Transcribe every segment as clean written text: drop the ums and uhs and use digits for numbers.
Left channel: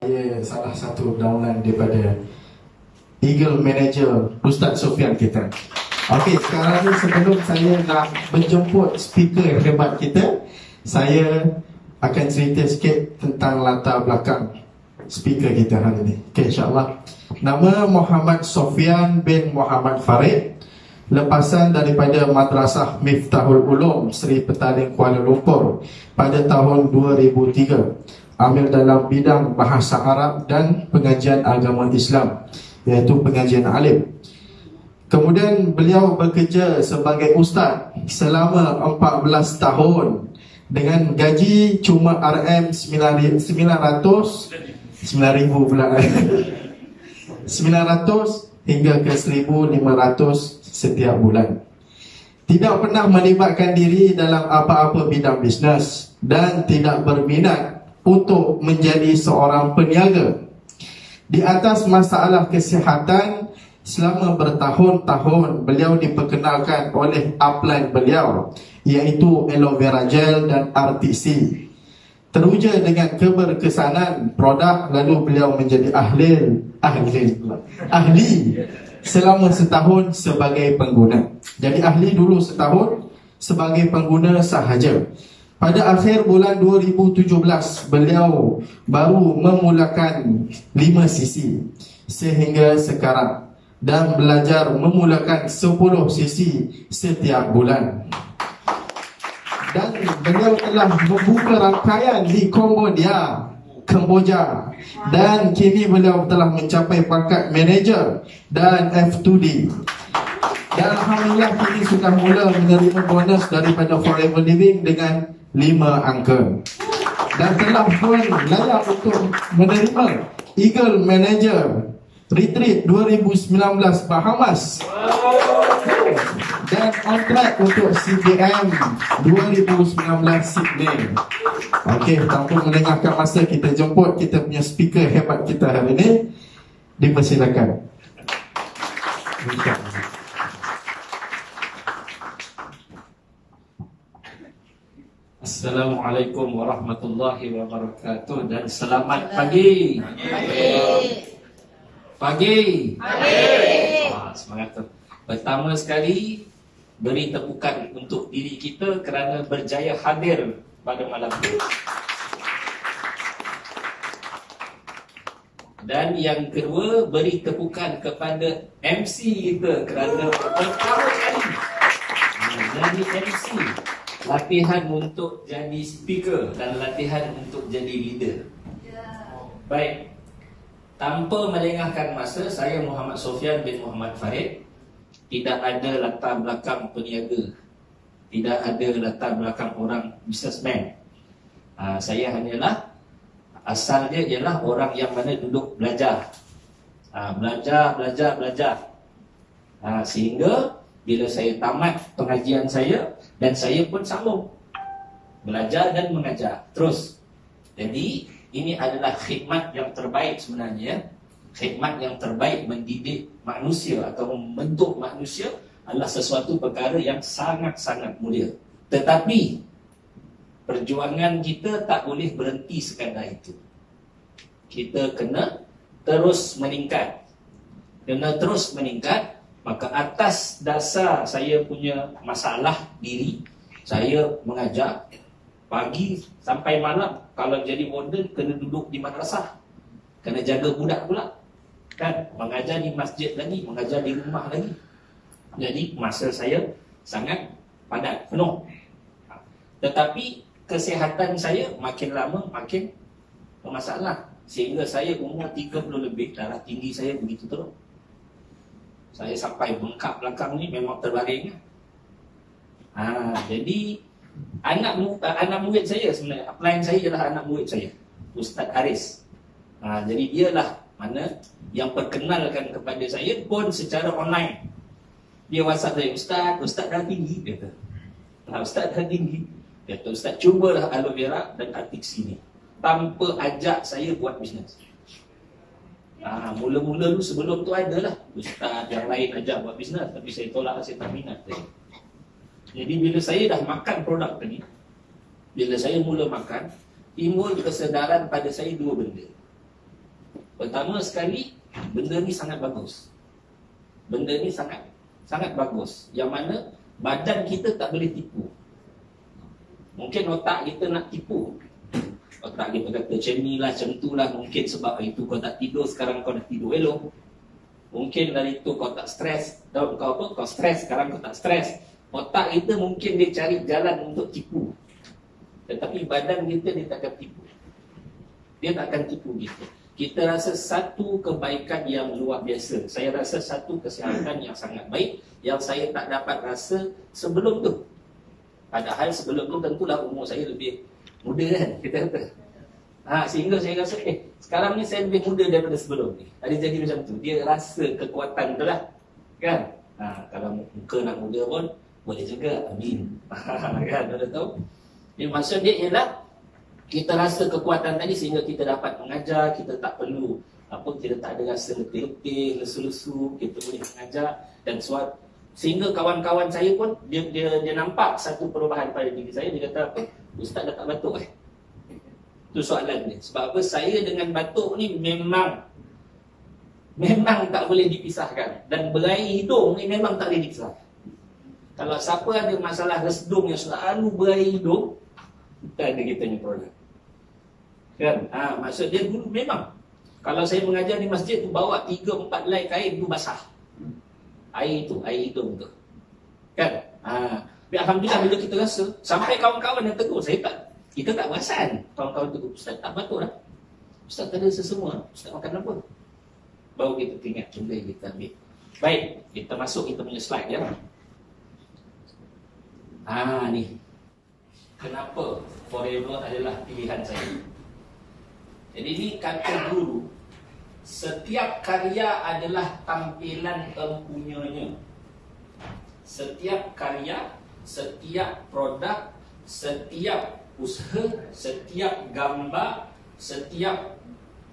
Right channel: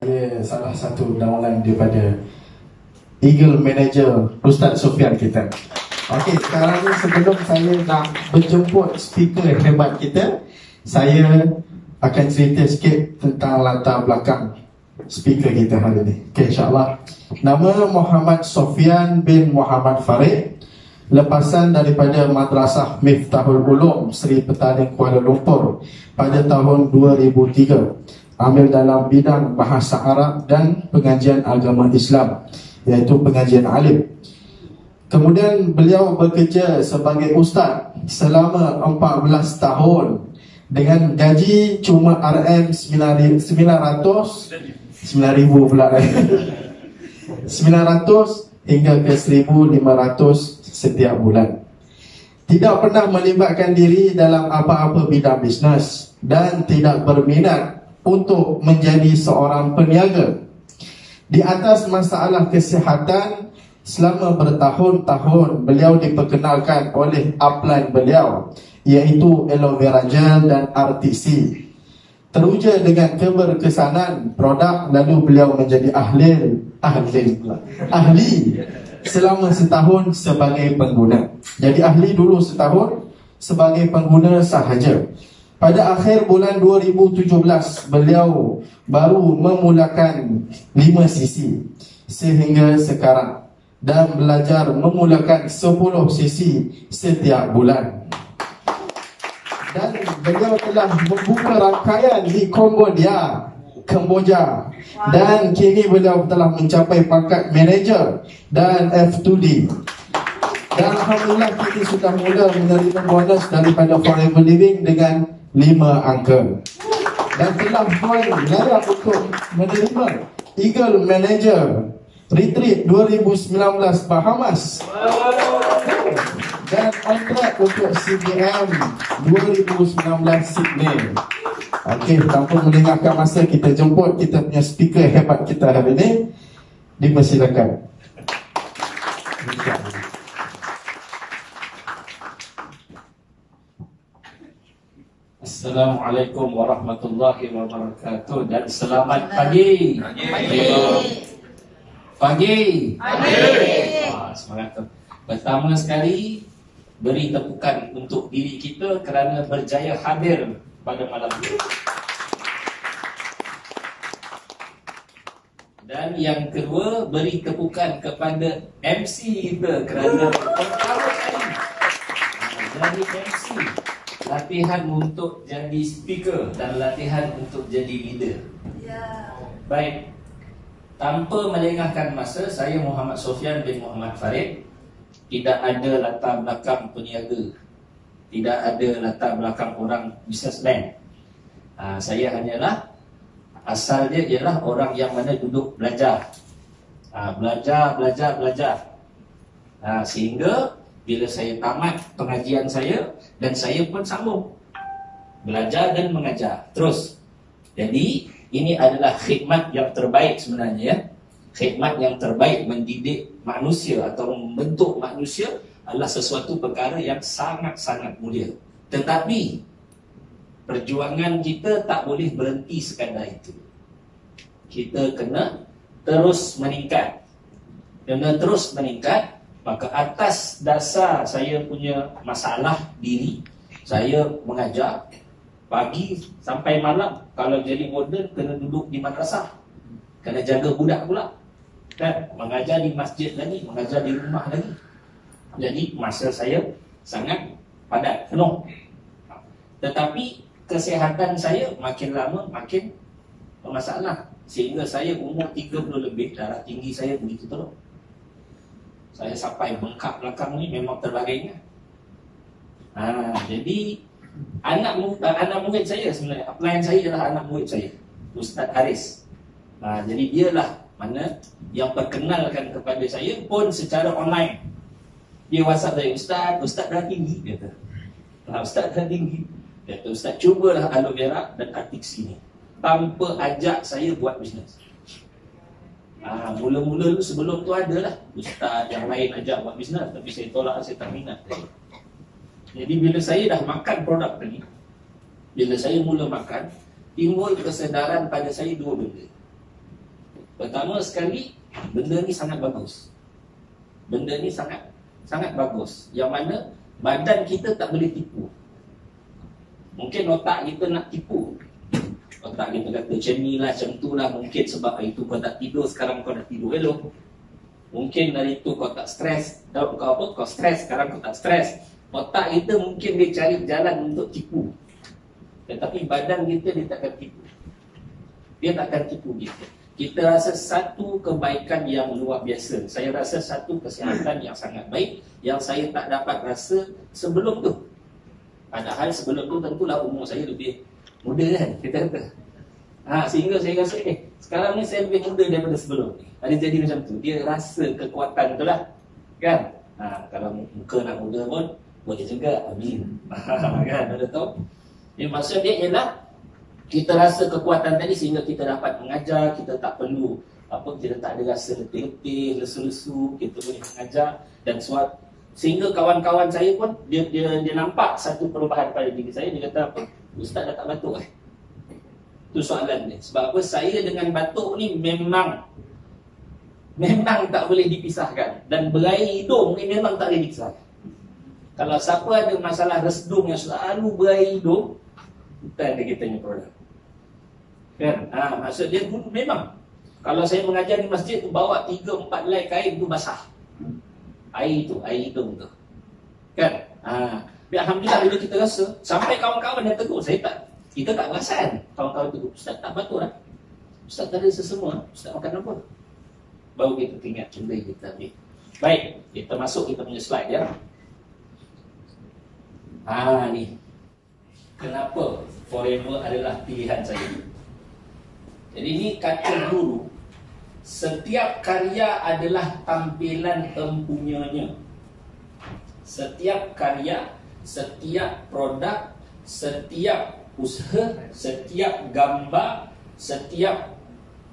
Saya salah satu downline daripada Eagle Manager Ustaz Sofian kita. Okey, sekarang ni sebelum saya nak menjemput speaker hebat kita, saya akan cerita sikit tentang latar belakang speaker kita hari ini. Okey, insyaAllah. Nama Muhammad Sofian bin Muhammad Farid, lepasan daripada Madrasah Miftahul Ulum Seri Petaling Kuala Lumpur pada tahun 2003. Ambil dalam bidang bahasa Arab dan pengajian agama Islam, iaitu pengajian alim. Kemudian beliau bekerja sebagai ustaz selama 14 tahun dengan gaji cuma RM900 hingga ke 1,500 setiap bulan. Tidak pernah melibatkan diri dalam apa-apa bidang bisnes dan tidak berminat untuk menjadi seorang peniaga. Di atas masalah kesihatan, selama bertahun-tahun beliau diperkenalkan oleh upline beliau, iaitu aloe vera gel dan RTC. Teruja dengan keberkesanan produk, lalu beliau menjadi ahli selama setahun sebagai pengguna. Jadi ahli dulu setahun, sebagai pengguna sahaja. Pada akhir bulan 2017, beliau baru memulakan 5 sesi sehingga sekarang, dan belajar memulakan 10 sesi setiap bulan. Dan beliau telah membuka rangkaian di Kemboja, dan kini beliau telah mencapai pangkat manager dan F2D. Dan alhamdulillah kini sudah mula menerima bonus daripada Forever Living dengan 5 angka, dan telah pun layak untuk menerima Eagle Manager Retreat 2019 Bahamas, dan on track untuk CBM 2019 Sydney. Okey, tanpa melengahkan masa, kita jemput kita punya speaker hebat kita hari ini. Dipersilakan. Assalamualaikum warahmatullahi wabarakatuh, dan selamat pagi. Pagi. Semangat. Pertama sekali, beri tepukan untuk diri kita kerana berjaya hadir pada malam ini. Dan yang kedua, beri tepukan kepada MC kita kerana pertama kali jadi MC. Latihan untuk jadi speaker dan latihan untuk jadi leader. Baik, tanpa melengahkan masa, saya Muhammad Sofian bin Muhammad Farid. Tidak ada latar belakang peniaga, tidak ada latar belakang orang businessman. Saya hanyalah, asalnya ialah orang yang mana duduk belajar, belajar. Sehingga bila saya tamat pengajian saya, dan saya pun sambung belajar dan mengajar terus. Jadi ini adalah khidmat yang terbaik sebenarnya. Khidmat yang terbaik, mendidik manusia atau membentuk manusia, adalah sesuatu perkara yang sangat-sangat mulia. Tetapi perjuangan kita tak boleh berhenti sekadar itu. Kita kena terus meningkat. Maka atas dasar saya punya masalah diri, saya mengajar pagi sampai malam. Kalau jadi warden, kena duduk di madrasah, kena jaga budak pula, kan? Mengajar di masjid lagi, mengajar di rumah lagi. Jadi masa saya sangat padat, penuh. Tetapi kesihatan saya makin lama makin bermasalah, sehingga saya umur 30 lebih, darah tinggi saya begitu teruk. Saya sampai bengkak belakang ni, memang terbaring. Jadi anak murid saya sebenarnya, upline saya adalah anak murid saya, Ustaz Haris. Jadi dialah mana yang perkenalkan kepada saya pun secara online. Dia WhatsApp saya, Ustaz dah tinggi, kata. Ustaz dah tinggi, kata, Ustaz cubalah aloe vera dan artik sini, tanpa ajak saya buat bisnes. Mula-mula dulu sebelum tu adalah ustaz yang lain ajak buat bisnes, tapi saya tolak, saya tak minat. Jadi bila saya dah makan produk tadi, bila saya mula makan, timbul kesedaran pada saya dua benda. Pertama sekali, benda ni sangat bagus. Benda ni sangat bagus. Yang mana badan kita tak boleh tipu. Mungkin otak kita nak tipu. Otak kita kata macam ni lah, macam tu lah. Mungkin sebab hari tu kau tak tidur, sekarang kau dah tidur elok. Mungkin dari tu kau tak stres. Kau stres, sekarang kau tak stres. Otak kita mungkin dia cari jalan untuk tipu. Tetapi badan kita dia takkan tipu. Dia takkan tipu kita. Kita rasa satu kebaikan yang luar biasa. Saya rasa satu kesihatan yang sangat baik, yang saya tak dapat rasa sebelum tu. Padahal sebelum tu tentulah umur saya lebih muda kan, kita kata. Sehingga saya rasa sekarang ni saya lebih muda daripada sebelum ni. Ada jadi macam tu. Dia rasa kekuatan tu lah, kan. Kalau muka nak muda pun boleh juga. Amin. Kan, ada tahu. Jadi maksud dia ialah kita rasa kekuatan tadi sehingga kita dapat mengajar. Kita tak perlu kita tak ada rasa letih-letih, lesu-lesu. Kita boleh mengajar. Dan sehingga kawan-kawan saya pun dia nampak satu perubahan pada diri saya. Dia kata apa? Ustaz dah tak batuk Itu soalan dia. Sebab apa? Saya dengan batuk ni memang tak boleh dipisahkan. Dan berair hidung ni memang tak boleh dipisahkan. Kalau siapa ada masalah resdung yang selalu berair hidung, kita ada kita punya produk. Kan? Maksud dia memang kalau saya mengajar di masjid tu, bawa 3-4 helai kain tu basah. Air hidung tu. Kan? Tapi alhamdulillah bila kita rasa, sampai kawan-kawan yang tegur, kita tak perasan. Kawan-kawan tegur, Ustaz tak batuk dah. Ustaz tak ada sesemua. Ustaz makan apa? Baru kita ingat benda yang kita ambil. Baik, kita masuk kita punya slide ya. Ni. Kenapa Forever adalah pilihan saya? Jadi ini kata guru, setiap karya adalah tampilan empunyanya. Setiap karya, setiap produk, setiap usaha, setiap gambar, setiap,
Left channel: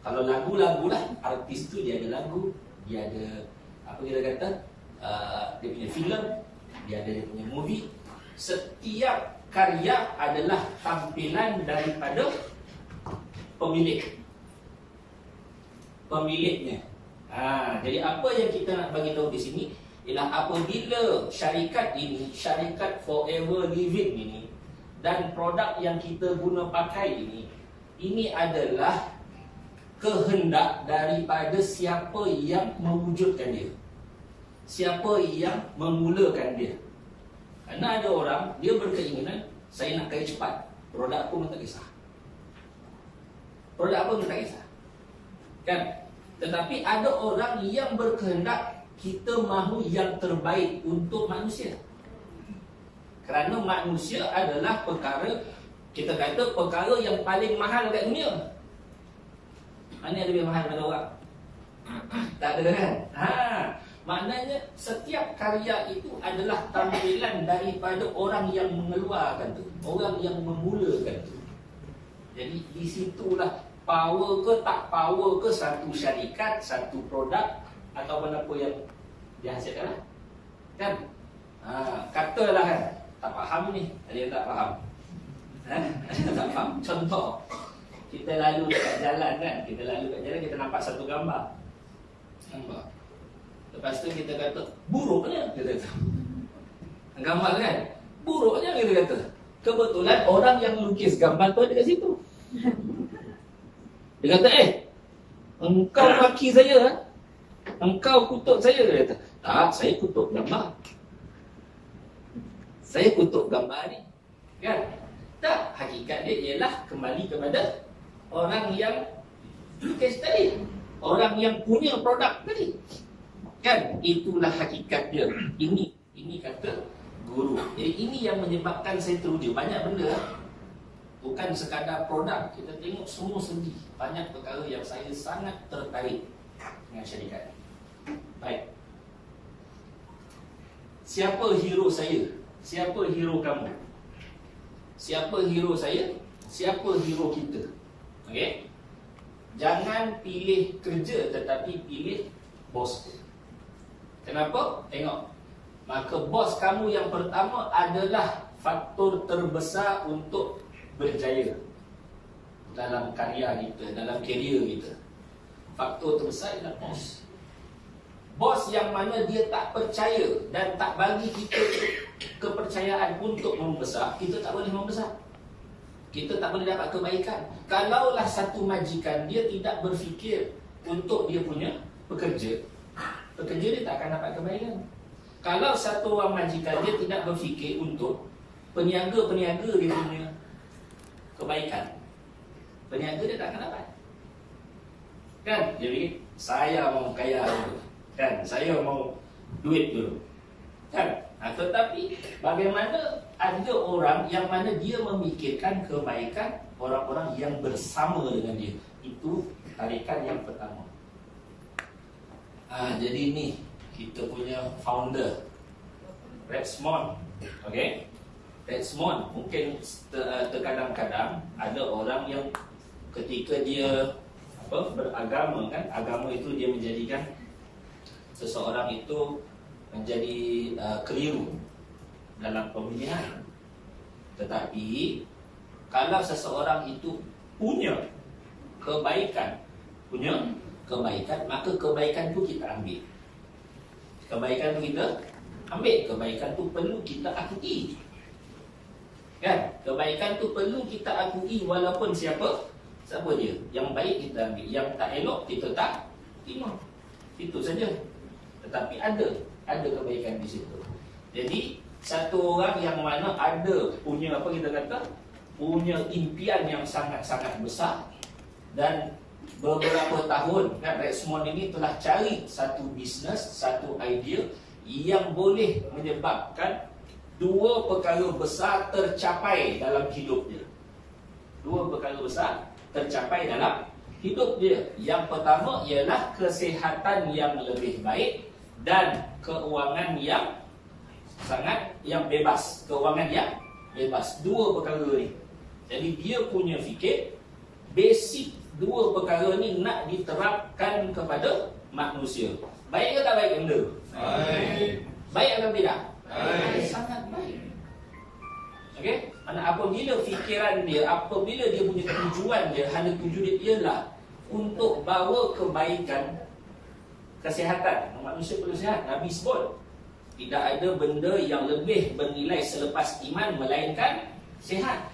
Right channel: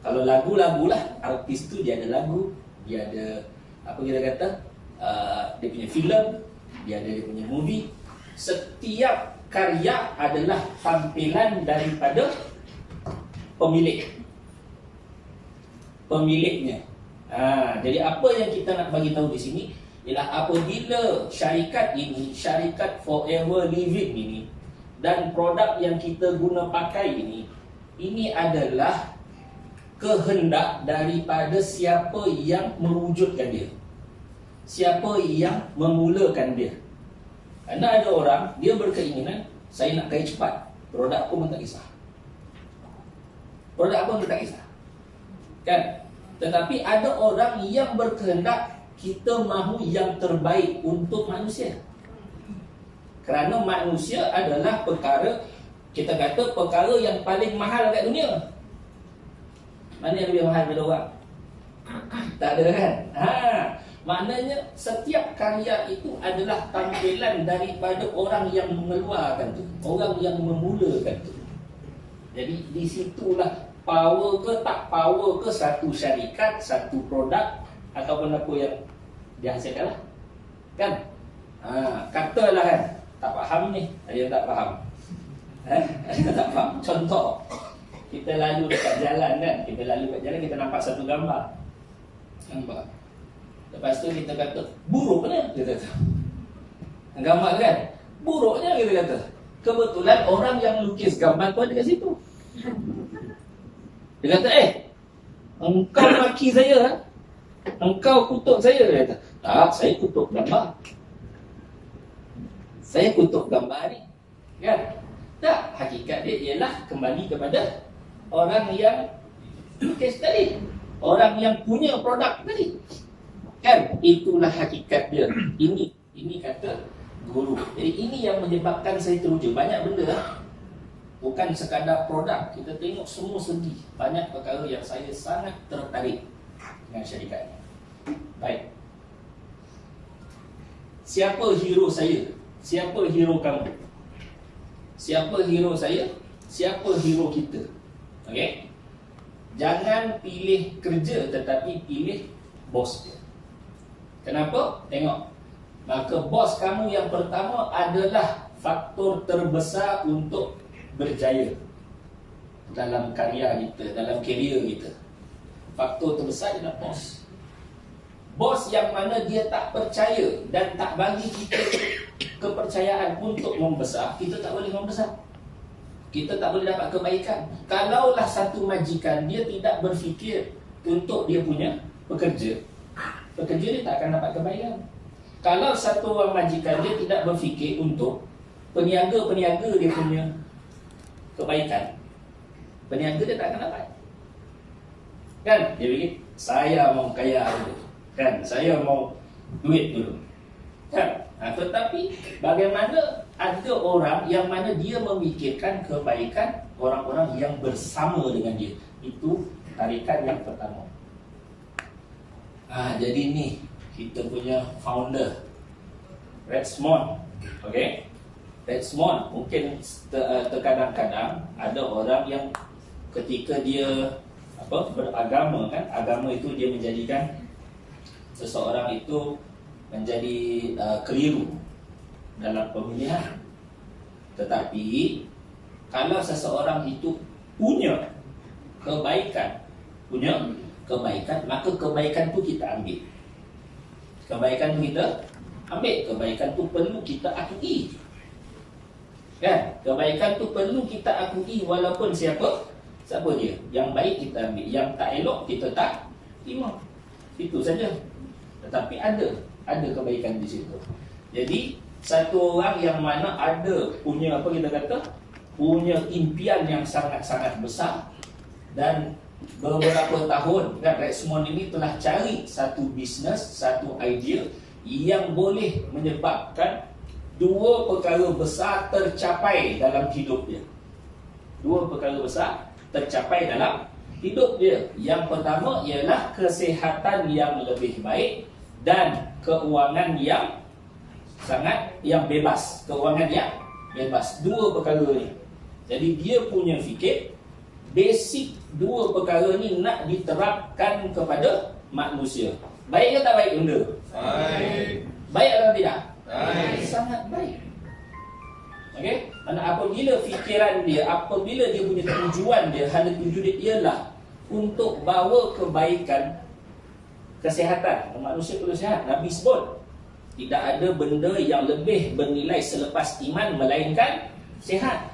kalau lagu-lagu lah, artis tu dia ada lagu, dia ada apa kita kata, dia punya filem, dia ada dia punya movie. Setiap karya adalah tampilan daripada pemiliknya. Jadi apa yang kita nak bagi tahu di sini ialah apabila syarikat ini, syarikat Forever Living ini, dan produk yang kita guna pakai ini adalah kehendak daripada siapa yang mewujudkan dia, siapa yang memulakan dia. Kerana ada orang, dia berkeinginan, saya nak kaya cepat, produk pun tak kisah. Produk pun tak kisah, kan? Tetapi ada orang yang berkehendak, kita mahu yang terbaik untuk manusia. Kerana manusia adalah perkara, kita kata perkara yang paling mahal kat dunia. Mana yang lebih mahal daripada orang? Tak ada kan? Maknanya setiap karya itu adalah tampilan daripada orang yang mengeluarkan tu, orang yang memulakan tu. Jadi di situlah power ke tak power ke satu syarikat, satu produk ataupun apa yang dihasilkan lah, kan? Katalah kan, tak faham ni, ada yang tak faham. Ada tak faham. Contoh, kita lalu dekat jalan kan, kita nampak satu gambar. Lepas tu kita kata, buruknya, kita kata. Gambar kan, buruknya kita kata. Kebetulan orang yang lukis gambar tu ada kat situ. Dia kata, engkau maki saya, engkau kutuk saya. Dia kata, tak, saya kutuk gambar. Saya kutuk gambar ni, kan? Tak, hakikat dia ialah kembali kepada orang yang lukis tadi, orang yang punya produk tadi, kan? Itulah hakikat dia. Ini kata guru. Jadi ini yang menyebabkan saya teruja. Banyak benda, bukan sekadar produk. Kita tengok semua segi. Banyak perkara yang saya sangat tertarik dengan syarikat. Baik. Siapa hero saya? Siapa hero kamu? Siapa hero saya? Siapa hero kita? Okey? Jangan pilih kerja, tetapi pilih bos dia. Kenapa? Tengok. Maka bos kamu yang pertama adalah faktor terbesar untuk berjaya dalam karya kita, dalam karier kita. faktor terbesar ialah bos. Bos yang mana dia tak percaya dan tak bagi kita kepercayaan untuk membesar, kita tak boleh membesar. Kita tak boleh dapat kebaikan. Kalaulah satu majikan dia tidak berfikir untuk dia punya pekerja dia tak akan dapat kebaikan. Kalau satu orang majikan dia tidak berfikir untuk peniaga-peniaga dia punya kebaikan, peniaga dia tak akan dapat. Kan? Dia fikir, saya mau kaya dulu, kan? Saya mau duit dulu, kan? Tetapi bagaimana ada orang yang mana dia memikirkan kebaikan orang-orang yang bersama dengan dia. Itu tarikan yang pertama. Jadi ni kita punya founder Redmond. Okay, Redmond. Mungkin terkadang-kadang ada orang yang ketika dia beragama, kan, agama itu dia menjadikan seseorang itu menjadi keliru dalam pemilihan. Tetapi kalau seseorang itu punya kebaikan, maka kebaikan tu kita ambil. Kebaikan tu kita ambil. Kebaikan tu perlu kita akui. Kan? Kebaikan tu perlu kita akui walaupun siapa dia. Yang baik kita ambil, yang tak elok kita tak terima. Itu saja. Tetapi ada kebaikan di situ. Jadi satu orang yang mana ada punya punya impian yang sangat-sangat besar, dan beberapa tahun kan Redmond ini telah cari satu bisnes, satu idea yang boleh menyebabkan dua perkara besar tercapai dalam hidup dia. Dua perkara besar tercapai dalam hidup dia. Yang pertama ialah kesihatan yang lebih baik dan keuangan yang bebas. Keuangan yang bebas. Dua perkara ni. Jadi dia punya fikir basic dua perkara ni nak diterapkan kepada manusia. Baik ke tak baik benda? Baik. Baik atau tidak? Baik. Sangat baik. Okey? Mana apabila fikiran dia, apabila dia punya tujuan dia, hanya tujuan dia ialah untuk bawa kebaikan, kesihatan. Manusia perlu sihat. Nabi sebut tidak ada benda yang lebih bernilai selepas iman melainkan sihat.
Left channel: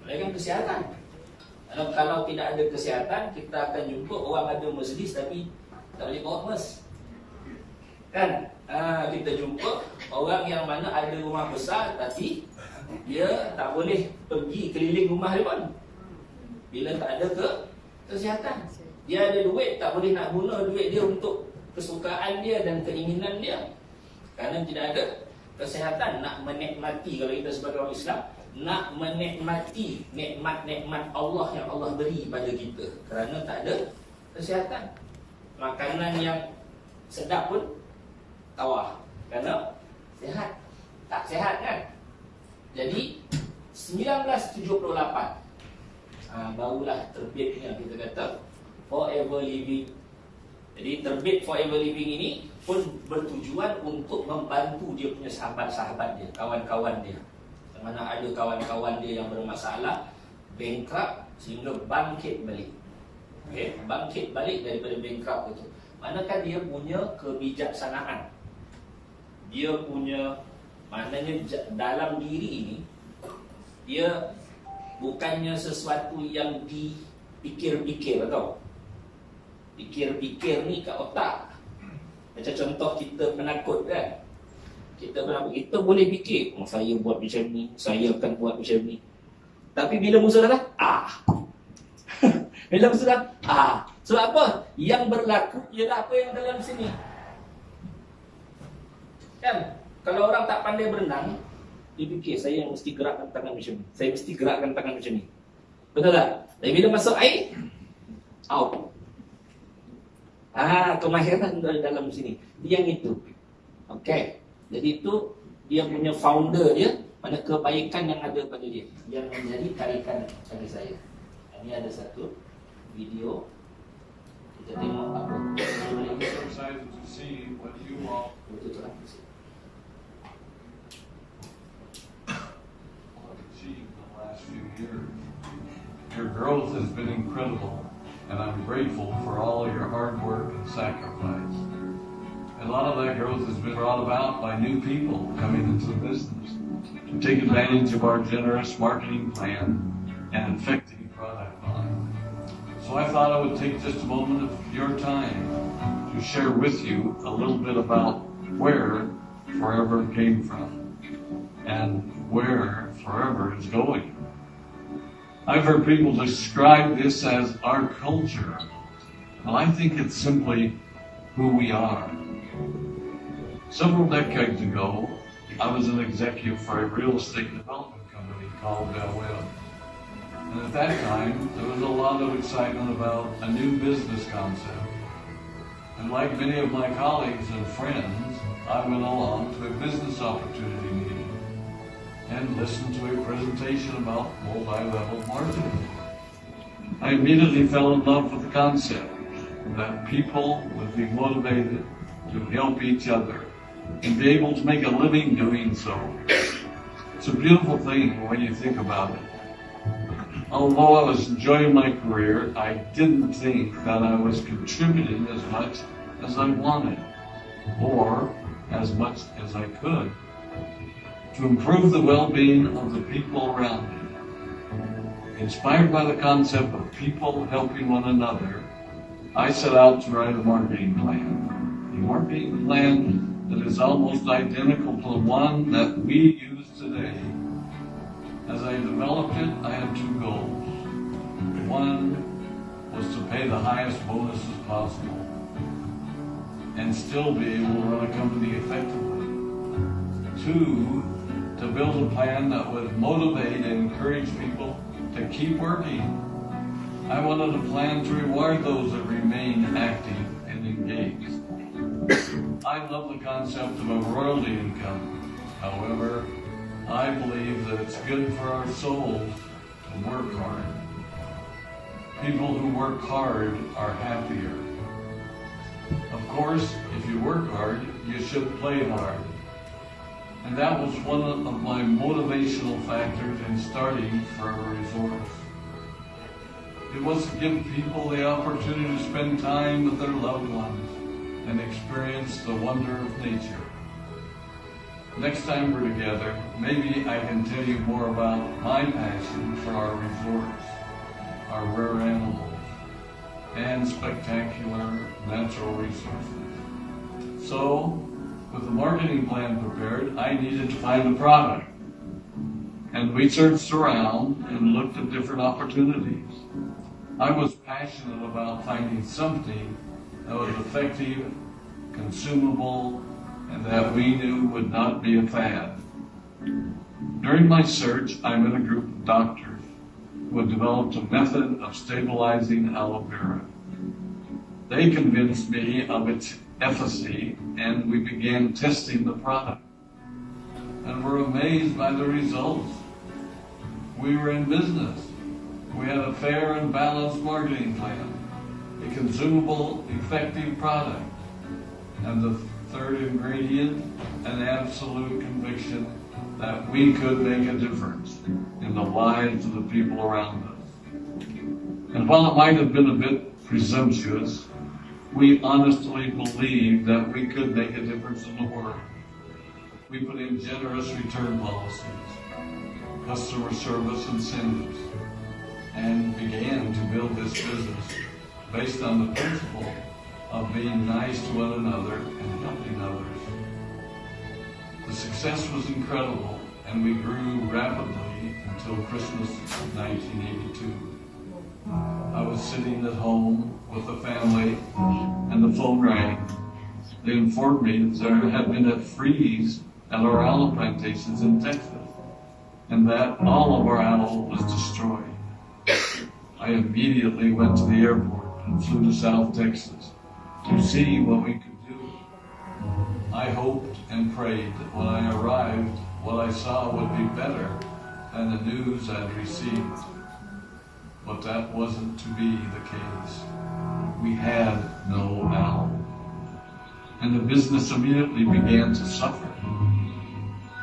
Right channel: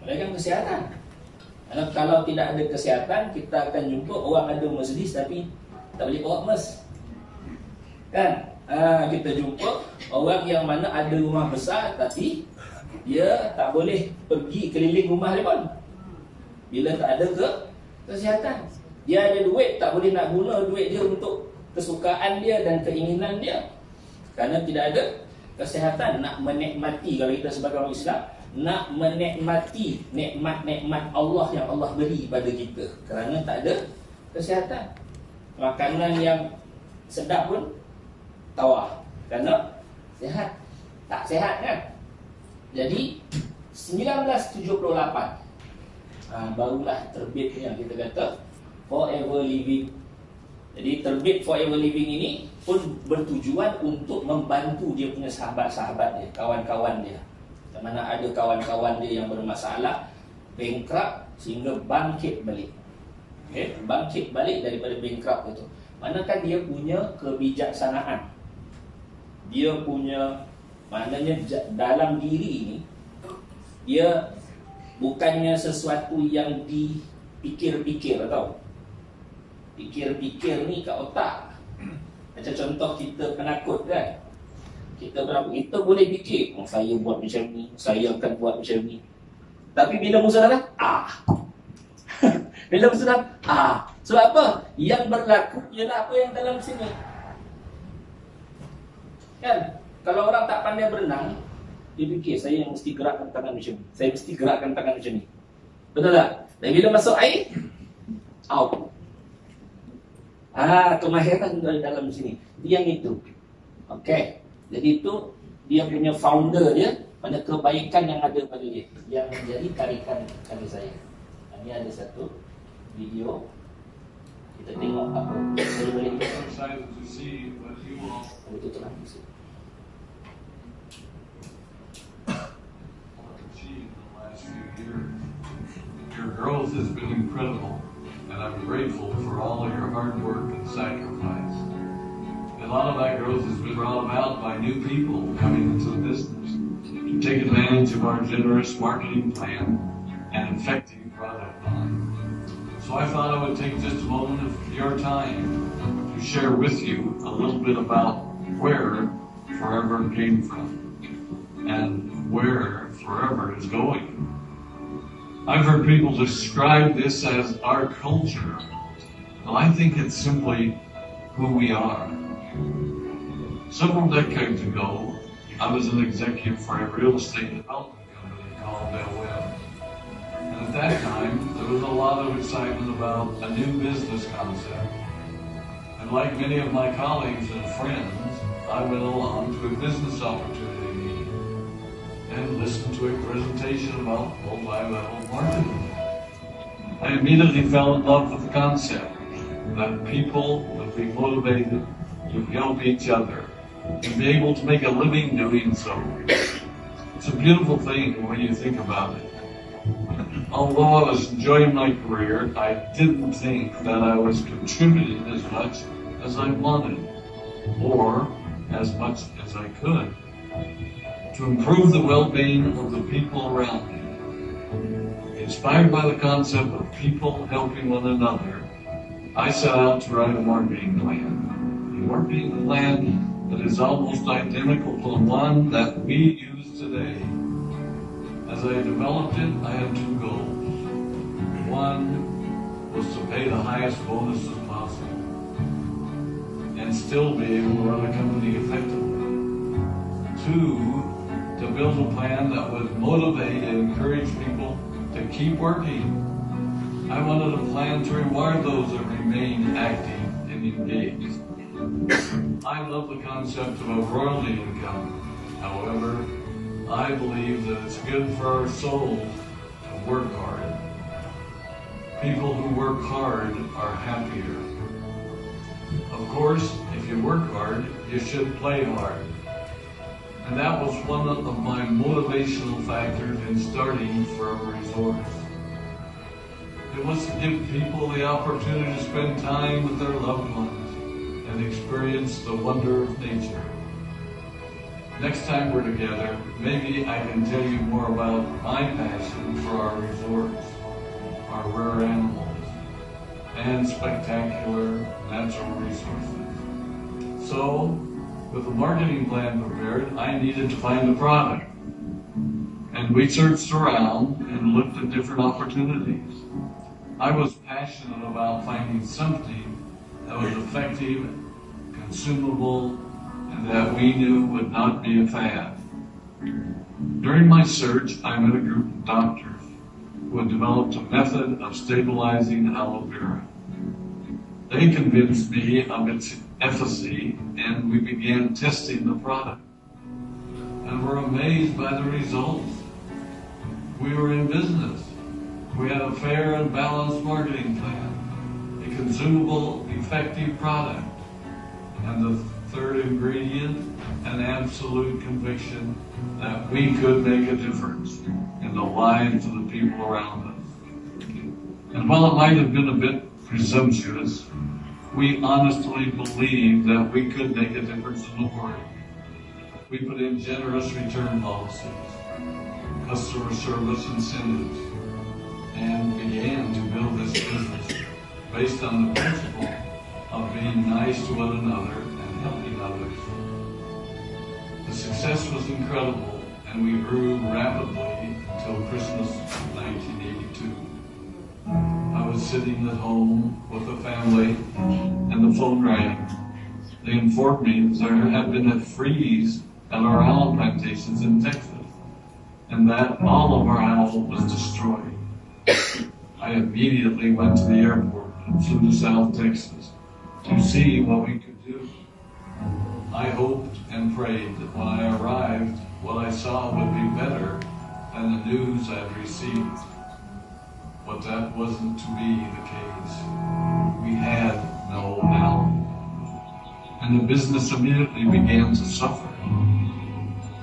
Melainkan kesihatan. Kalau tidak ada kesihatan, kita akan jumpa orang ada Mercedes tapi tak boleh bawa Mercedes. Kan? Kita jumpa orang yang mana ada rumah besar tapi dia tak boleh pergi keliling rumah dia pun. Bila tak ada kesihatan. Dia ada duit, tak boleh nak guna duit dia untuk kesukaan dia dan keinginan dia. Kerana tidak ada kesihatan. Nak menikmati, kalau kita sebagai orang Islam, nak menikmati nikmat-nikmat Allah yang Allah beri pada kita, kerana tak ada kesihatan. Makanan yang sedap pun tawar kerana sihat. Tak sihat kan? Jadi 1978 barulah terbit yang kita kata Forever Living. Jadi terbit Forever Living ini pun bertujuan untuk membantu dia punya sahabat-sahabat dia, kawan-kawan dia. Mana ada kawan-kawan dia yang bermasalah, bankrupt, sehingga bangkit balik. Okay? Bangkit balik daripada bankrupt itu. Manakah dia punya kebijaksanaan, dia punya, maknanya dalam diri ini, dia bukannya sesuatu yang dipikir-pikir, atau pikir-pikir ni kat otak. Macam contoh kita penakut kan, kita boleh fikir, saya buat macam ni, saya akan buat macam ni. Tapi bila musuh datang, bila musuh datang, sebab apa? Yang berlaku ialah apa yang dalam sini. Kan? Kalau orang tak pandai berenang, dia fikir, saya mesti gerakkan tangan macam ni, saya mesti gerakkan tangan macam ni. Betul tak? Dan bila masuk air, out. Kemahiran dalam sini. Yang itu. Okey. Jadi itu dia punya founder dia, mana kebaikan yang ada pada dia, yang menjadi tarikan pada saya. Ini ada satu video. Kita tengok apa. Boleh itu terang. Your growth has been incredible. and I'm grateful for all of your hard work and sacrifice. A lot of that growth has been brought about by new people coming into the business to take advantage of our generous marketing plan and effective product line. So I thought I would take just a moment of your time to share with you a little bit about where Forever came from and where Forever is going. I've heard people describe this as our culture. Well, I think it's simply who we are. Several decades ago, I was an executive for a real estate development company called Del Webb. And at that time, there was a lot of excitement about a new business concept. And like many of my colleagues and friends, I went along to a business opportunity meeting and listened to a presentation about multi-level marketing. I immediately fell in love with the concept that people would be motivated to help each other and be able to make a living doing so. It's a beautiful thing when you think about it. Although I was enjoying my career, I didn't think that I was contributing as much as I wanted, or as much as I could, to improve the well-being of the people around me. Inspired by the concept of people helping one another, I set out to write a marketing plan. A marketing plan that is almost identical to the one that we use today. As I developed it, I had two goals. One was to pay the highest bonuses possible and still be able to run a company effectively. Two, to build a plan that would motivate and encourage people to keep working. I wanted a plan to reward those that remain active and engaged. I love the concept of a royalty income. However, I believe that it's good for our souls to work hard. People who work hard are happier. Of course, if you work hard, you should play hard. And that was one of my motivational factors in starting Forever Resorts. It was to give people the opportunity to spend time with their loved ones and experience the wonder of nature. Next time we're together, maybe I can tell you more about my passion for our resorts, our rare animals, and spectacular natural resources. So, with the marketing plan prepared, I needed to find a product. And we searched around and looked at different opportunities. I was passionate about finding something that was effective, consumable, and that we knew would not be a fad. During my search, I met a group of doctors who had developed a method of stabilizing aloe vera. They convinced me of its efficacy, and we began testing the product. And were amazed by the results. We were in business. We had a fair and balanced marketing plan, a consumable, effective product, and the third ingredient, an absolute conviction that we could make a difference in the lives of the people around us. And while it might have been a bit presumptuous, we honestly believed that we could make a difference in the world. We put in generous return policies, customer service incentives, and began to build this business based on the principle of being nice to one another and helping others. The success was incredible, and we grew rapidly until Christmas 1982. I was sitting at home with the family, and the phone rang. They informed me that there had been a freeze at our aloe plantations in Texas, and that all of our aloe was destroyed. I immediately went to the airport and flew to South Texas to see what we could do. I hoped and prayed that when I arrived, what I saw would be better than the news I'd received. But that wasn't to be the case. We had no aloe. And the business immediately began to suffer.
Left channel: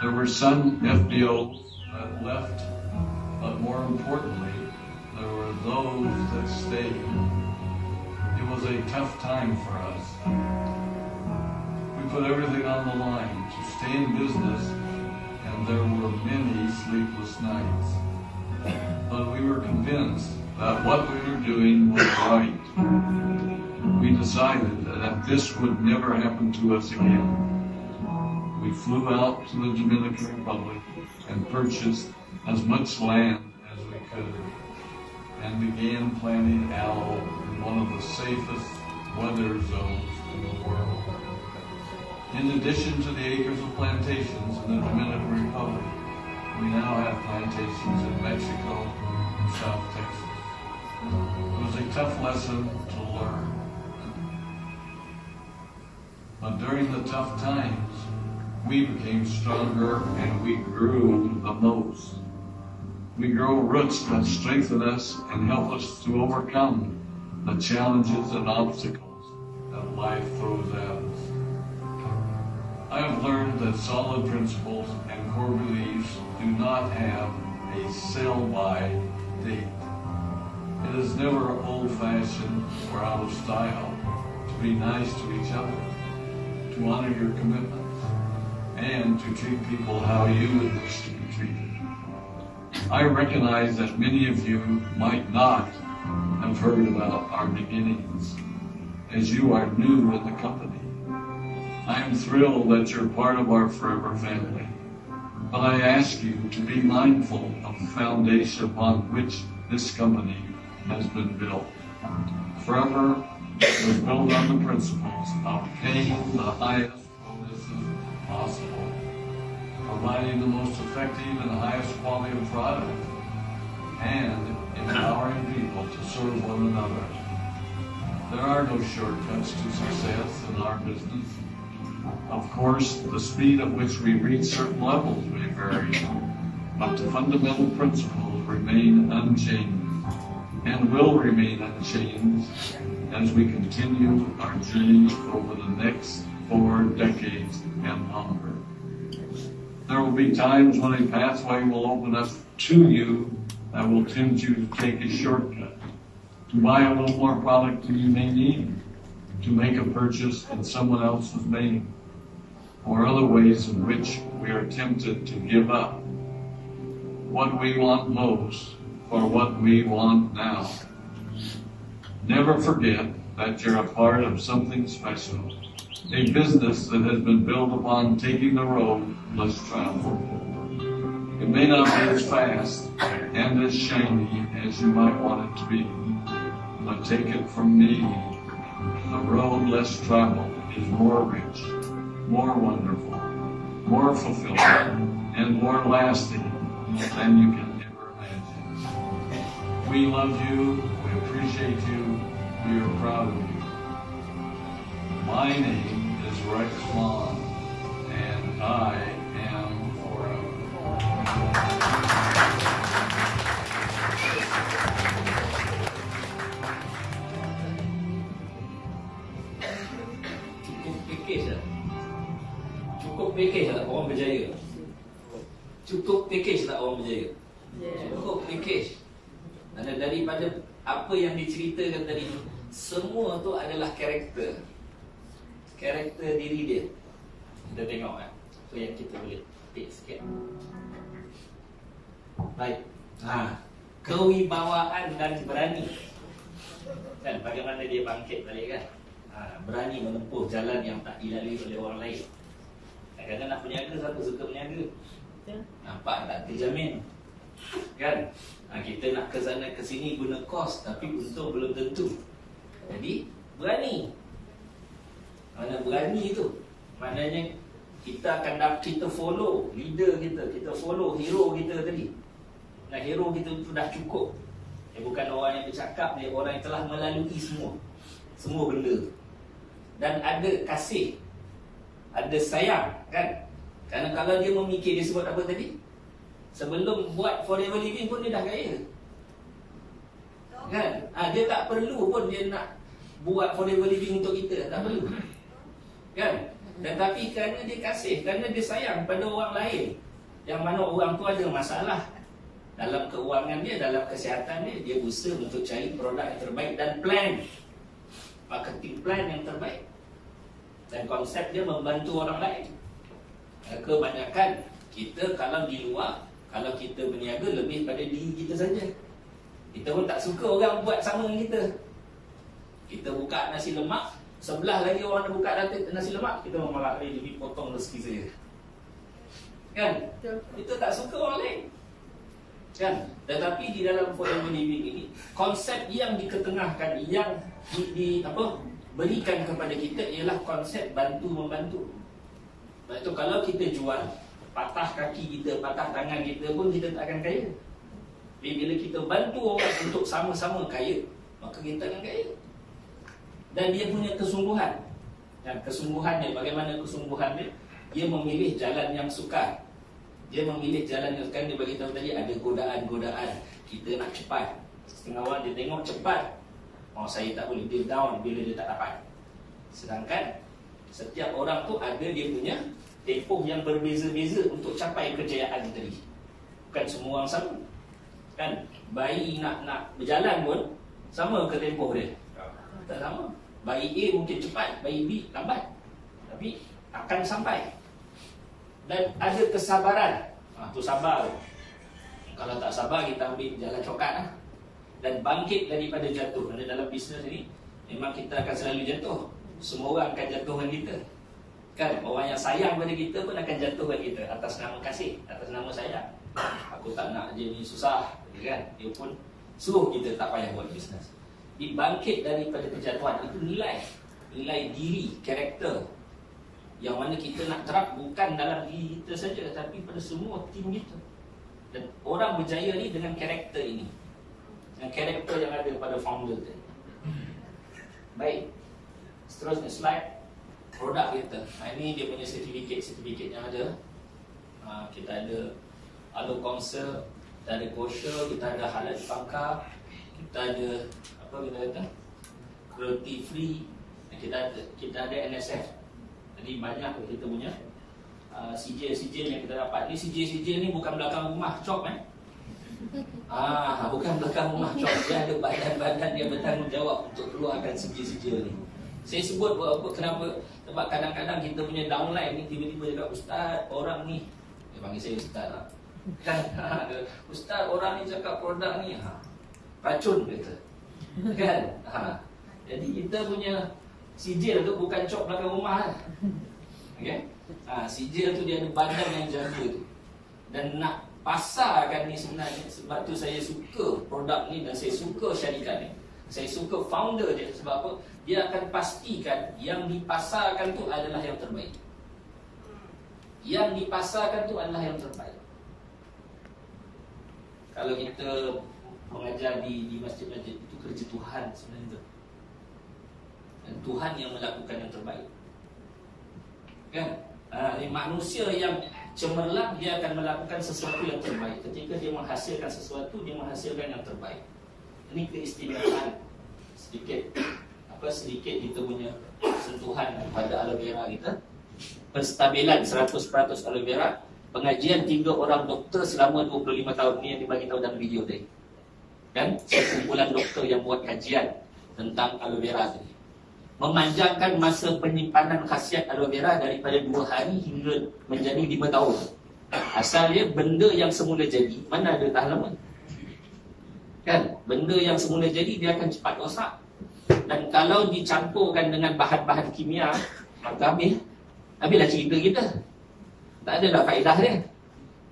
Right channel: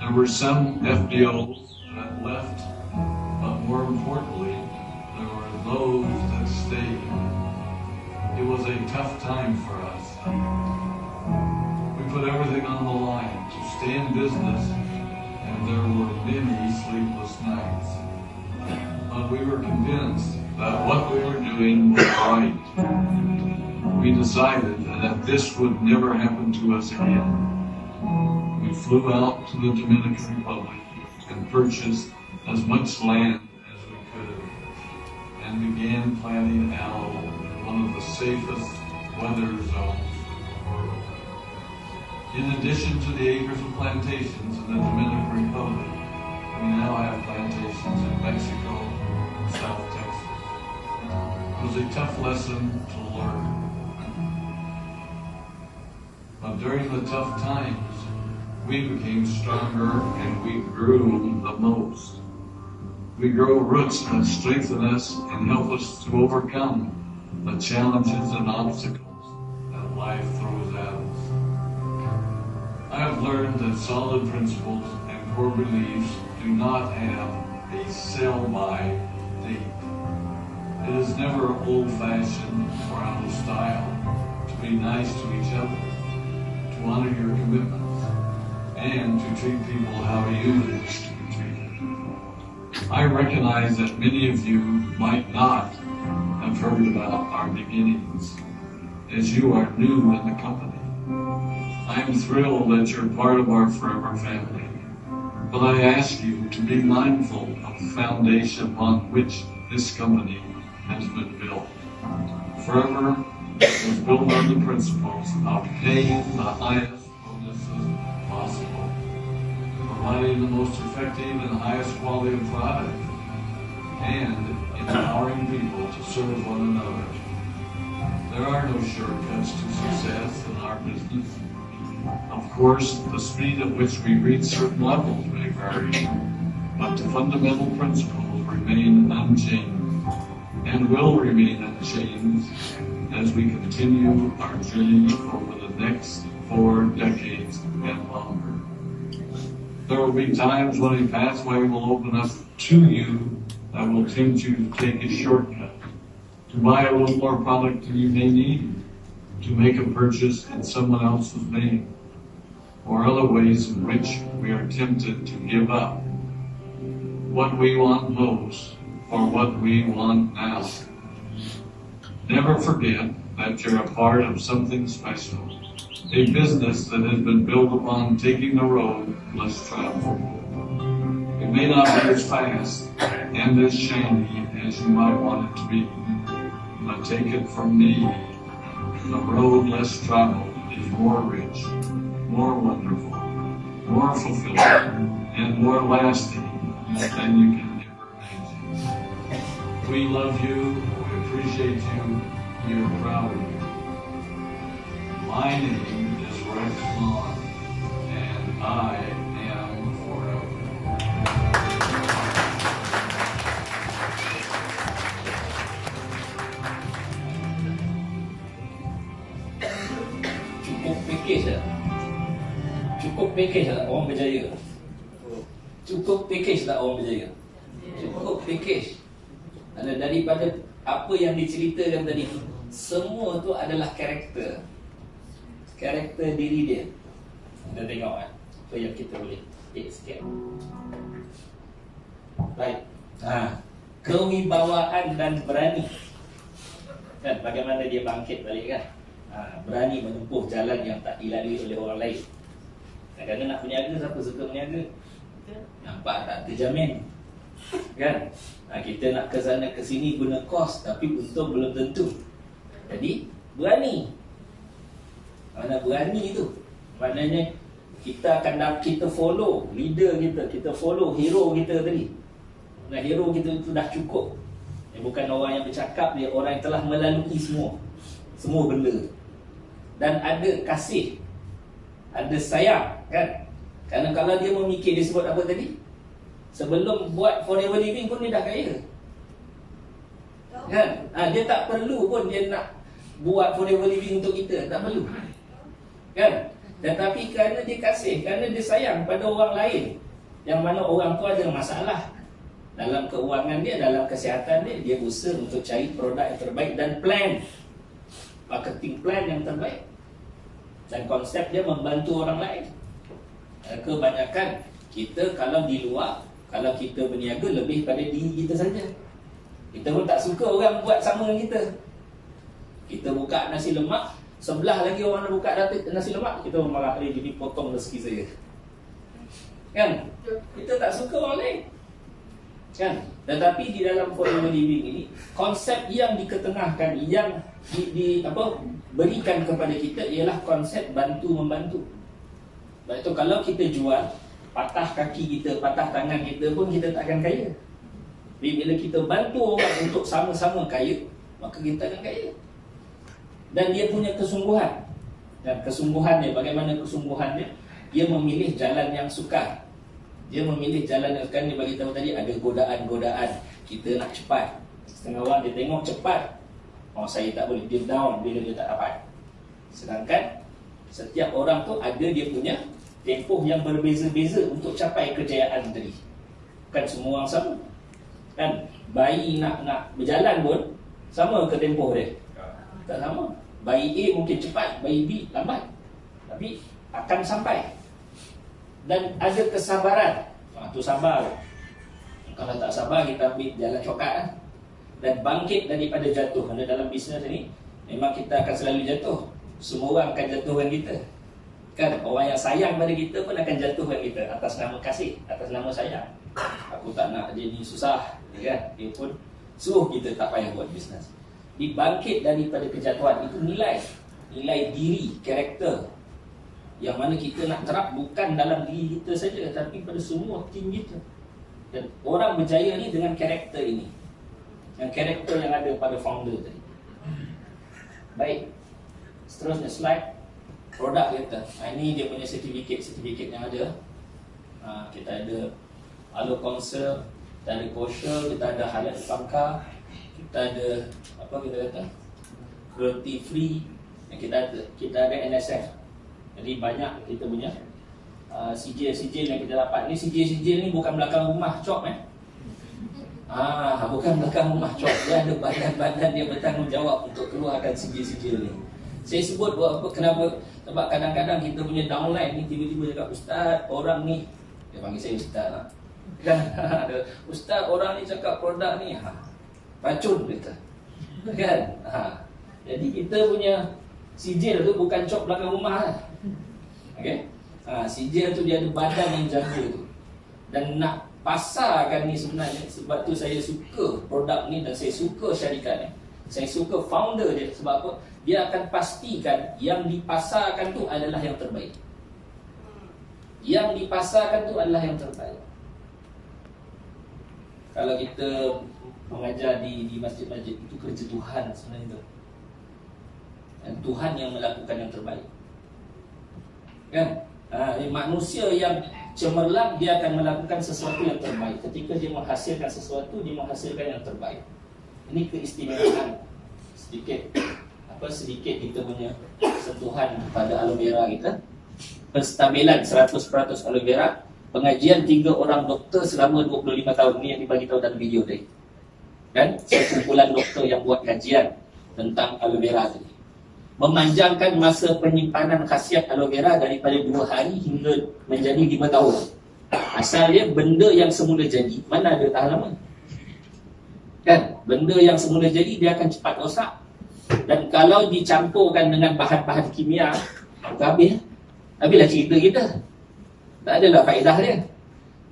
There were some FBOs that left, but more importantly, there were those that stayed. tough time for us. We put everything on the line to stay in business, and there were many sleepless nights. But we were convinced that what we were doing was right. We decided that this would never happen to us again. We flew out to the Dominican Republic and purchased as much land as we could and began planting aloe, one of the safest weather zones in the world. In addition to the acres of plantations in the Dominican Republic, we now have plantations in Mexico and South Texas. It was a tough lesson to learn. But during the tough times, we became stronger and we grew the most. We grow roots that strengthen us and help us to overcome the challenges and obstacles that life throws at us. I have learned that solid principles and core beliefs do not have a sell-by date. It is never old-fashioned or out of style to be nice to each other, to honor your commitments, and to treat people how you would wish to be treated. I recognize that many of you might not have heard about our beginnings, as you are new in the company. I am thrilled that you're part of our forever family, but I ask you to be mindful of the foundation upon which this company has been built. Forever was built on the principles of paying the highest bonuses possible, providing the most effective and highest quality of product, and empowering people to serve one another. There are no shortcuts to success in our business. Of course, the speed at which we reach certain levels may vary, but the fundamental principles remain unchanged and will remain unchanged as we continue our journey over the next 4 decades and longer. There will be times when a pathway will open up to you that will tempt you to take a shortcut, to buy a little more product than you may need, to make a purchase in someone else's name, or other ways in which we are tempted to give up what we want most for what we want now. Never forget that you're a part of something special, a business that has been built upon taking the road less traveled. It may not be as fast and as shiny as you might want it to be, but take it from me, the road less traveled is more rich, more wonderful, more fulfilling, and more lasting than you can ever imagine. We love you, we appreciate you, we are proud of you. My name is Rex Vaughn, and I am forever. Cukup package tak orang berjaya? Cukup package tak orang berjaya? Cukup package. Dan daripada apa yang diceritakan tadi, semua tu adalah karakter diri dia. Kita tengok kan, apa yang kita boleh take sikit. Baik. Kewibawaan dan berani. Kan, bagaimana dia bangkit balik kan? Berani menempuh jalan yang tak dilalui oleh orang lain. Kadang-kadang nak berniaga, siapa suka berniaga? Nampak tak terjamin kan? Kita nak ke sana ke sini guna kos, tapi untung belum tentu. Jadi berani. Mana berani tu? Maknanya kita akan kita follow leader kita follow hero kita tadi. Nah, hero kita tu dah cukup. Dia bukan orang yang bercakap, dia orang yang telah melalui semua benda. Dan ada kasih, ada sayang kan? Kerana kalau dia memikir, dia sebut apa tadi? Sebelum buat forever living pun dia dah kaya kan? Dia tak perlu pun dia nak buat forever living untuk kita, tak perlu kan? Tetapi kerana dia kasih, kerana dia sayang pada orang lain, yang mana orang tu ada masalah dalam keuangan dia, dalam kesihatan dia, dia berusaha untuk cari produk yang terbaik dan plan marketing plan yang terbaik. Dan konsep dia membantu orang lain. Kebanyakan kita kalau di luar, kalau kita berniaga lebih pada diri kita saja. Kita pun tak suka orang buat sama dengan kita. Kita buka nasi lemak, sebelah lagi orang nak buka nasi lemak, kita malah jadi potong rezeki saya. Kan? Kita tak suka orang lain. Kan? Tetapi di dalam forever living ini, konsep yang diketengahkan, yang berikan kepada kita ialah konsep bantu-membantu. Sebab itu kalau kita jual, patah kaki kita, patah tangan kita pun kita tak akan kaya. Bila kita bantu orang untuk sama-sama kaya, maka kita akan kaya. Dan dia punya kesungguhan. Dan kesungguhannya, bagaimana kesungguhannya? Dia memilih jalan yang sukar. Dia memilih jalan yang sukar. Dia bagi tahu tadi ada godaan-godaan. Kita nak cepat. Setengah orang dia tengok cepat, oh saya tak boleh, dia down bila dia tak dapat. Sedangkan setiap orang tu ada dia punya tempoh yang berbeza-beza untuk capai kejayaan tadi. Bukan semua orang sama. Kan? Bayi nak berjalan pun sama ke tempoh dia? Tak sama. Bayi A mungkin cepat, bayi B lambat, tapi akan sampai. Dan ada kesabaran. Tu sabar. Kalau tak sabar, kita ambil jalan shortcut lah. Dan bangkit daripada jatuh. Kerana dalam bisnes ni memang kita akan selalu jatuh. Semua orang akan jatuhkan kita. Kan? Orang yang sayang pada kita pun akan jatuhkan kita atas nama kasih, atas nama sayang. Aku tak nak jadi susah, kan? Dia pun suruh kita tak payah buat bisnes. Dibangkit daripada kejatuhan itu nilai diri, karakter yang mana kita nak terap bukan dalam diri kita saja, tapi pada semua tim kita. Dan orang berjaya ni dengan karakter ini, yang karakter yang ada pada founder tadi. Baik, seterusnya slide produk kita. Ini dia punya sertifikat yang ada. Kita ada Alo Council, kita ada kosher, kita ada halal pangkar, kita ada apa kita kata, cruelty free, kita ada NSF. Jadi banyak kita punya sijil yang kita dapat. Ni sijil ni bukan belakang rumah cop bukan belakang rumah cop. Dia ada badan-badan yang bertanggungjawab untuk keluarkan sijil-sijil ni. Saya sebut apa, kenapa? Sebab kadang-kadang kita punya downline ni tiba-tiba cakap, Ustaz, orang ni, dia panggil saya Ustaz lah. Ustaz, orang ni cakap produk ni racun kita. Kan? Jadi kita punya sijil tu bukan cop belakang rumah. Okay? Sijil tu dia ada badan yang jaga tu. Dan nak pasarkan ni sebenarnya, sebab tu saya suka produk ni dan saya suka syarikat ni. Saya suka founder dia. Sebab apa? Dia akan pastikan yang dipasarkan tu adalah yang terbaik. Yang dipasarkan tu adalah yang terbaik. Kalau kita mengajar di masjid-masjid, itu kerja Tuhan sebenarnya. Dan Tuhan yang melakukan yang terbaik. Kan? Manusia yang cemerlang, dia akan melakukan sesuatu yang terbaik. Ketika dia menghasilkan sesuatu, dia menghasilkan yang terbaik. Ini keistimewaan. Sedikit kita punya sentuhan pada aloe vera kita. Penstabilan 100% aloe vera. Pengajian 3 orang doktor selama 25 tahun ni yang dibagi tahu dalam video tadi. Kan? Sekumpulan doktor yang buat kajian tentang aloe vera tadi. Memanjangkan masa penyimpanan khasiat aloe vera daripada 2 hari hingga menjadi 5 tahun. Asalnya benda yang semula jadi, mana ada tahan lama? Kan? Benda yang semula jadi dia akan cepat rosak. Dan kalau dicampurkan dengan bahan-bahan kimia, maka habislah cerita kita. Tak adalah faedah dia.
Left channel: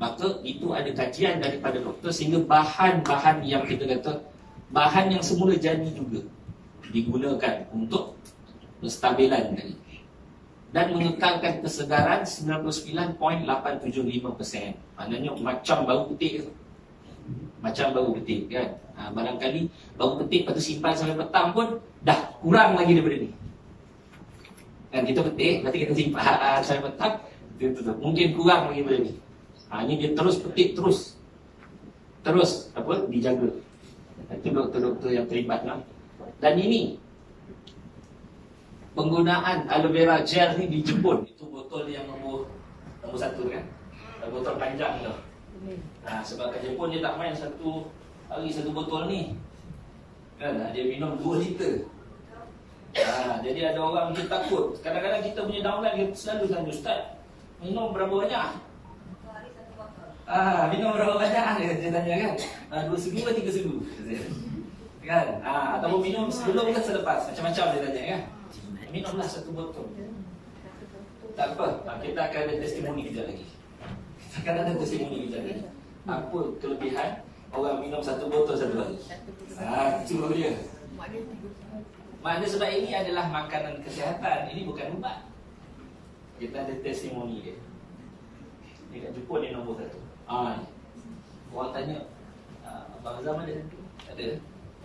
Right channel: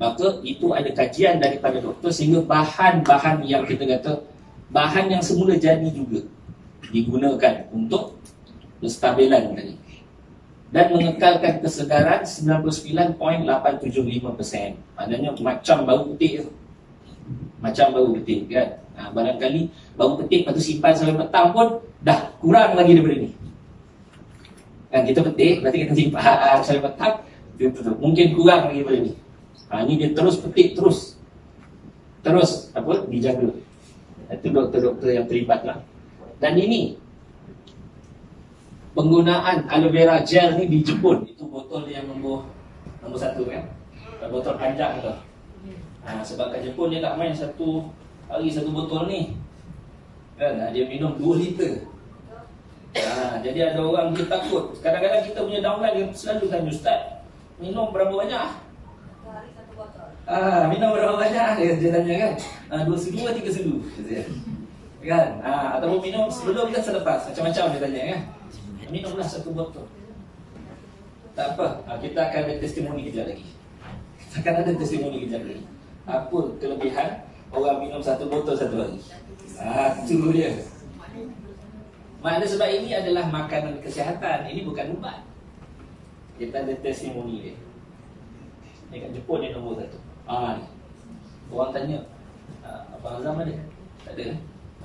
Maka itu ada kajian daripada doktor sehingga bahan-bahan yang kita kata, bahan yang semula jadi juga digunakan untuk penstabilan tadi. Dan mengekalkan kesegaran 99.875%. Maknanya macam baru petik tu. Macam baru petik kan. Barangkali baru petik lepas tu simpan sampai petang pun dah kurang lagi daripada ni. Kan kita petik, berarti kita simpan sampai petang, mungkin kurang lagi daripada ni. Ni dia terus petik, terus dijaga. Itu doktor-doktor yang terlibat lah. Dan ini penggunaan aloe vera gel ni di Jepun. Itu botol yang nombor 1 kan. Botol panjang tu. Sebab kat Jepun dia tak main satu hari 1 botol ni. Kan dia minum 2 liter. Jadi ada orang dia takut. Kadang-kadang kita punya downline dia selalu tanya, Ustaz, minum berapa banyak? Minum berapa banyak? Dia tanya kan. 2 sudu atau 3 sudu? Kan? Ataupun minum sebelum ke selepas? Macam-macam dia tanya kan. Minumlah 1 botol. Tak apa, kita akan ada testimoni kejap lagi. Kita akan ada testimoni kejap lagi. Apa kelebihan orang minum 1 botol 1 hari? Itu dia. Makna sebab ini adalah makanan kesihatan. Ini bukan ubat. Kita ada testimoni dia. Ni kat Jepun ni nombor 1. Ni. Orang tanya, Abang Azam ada? Tak ada.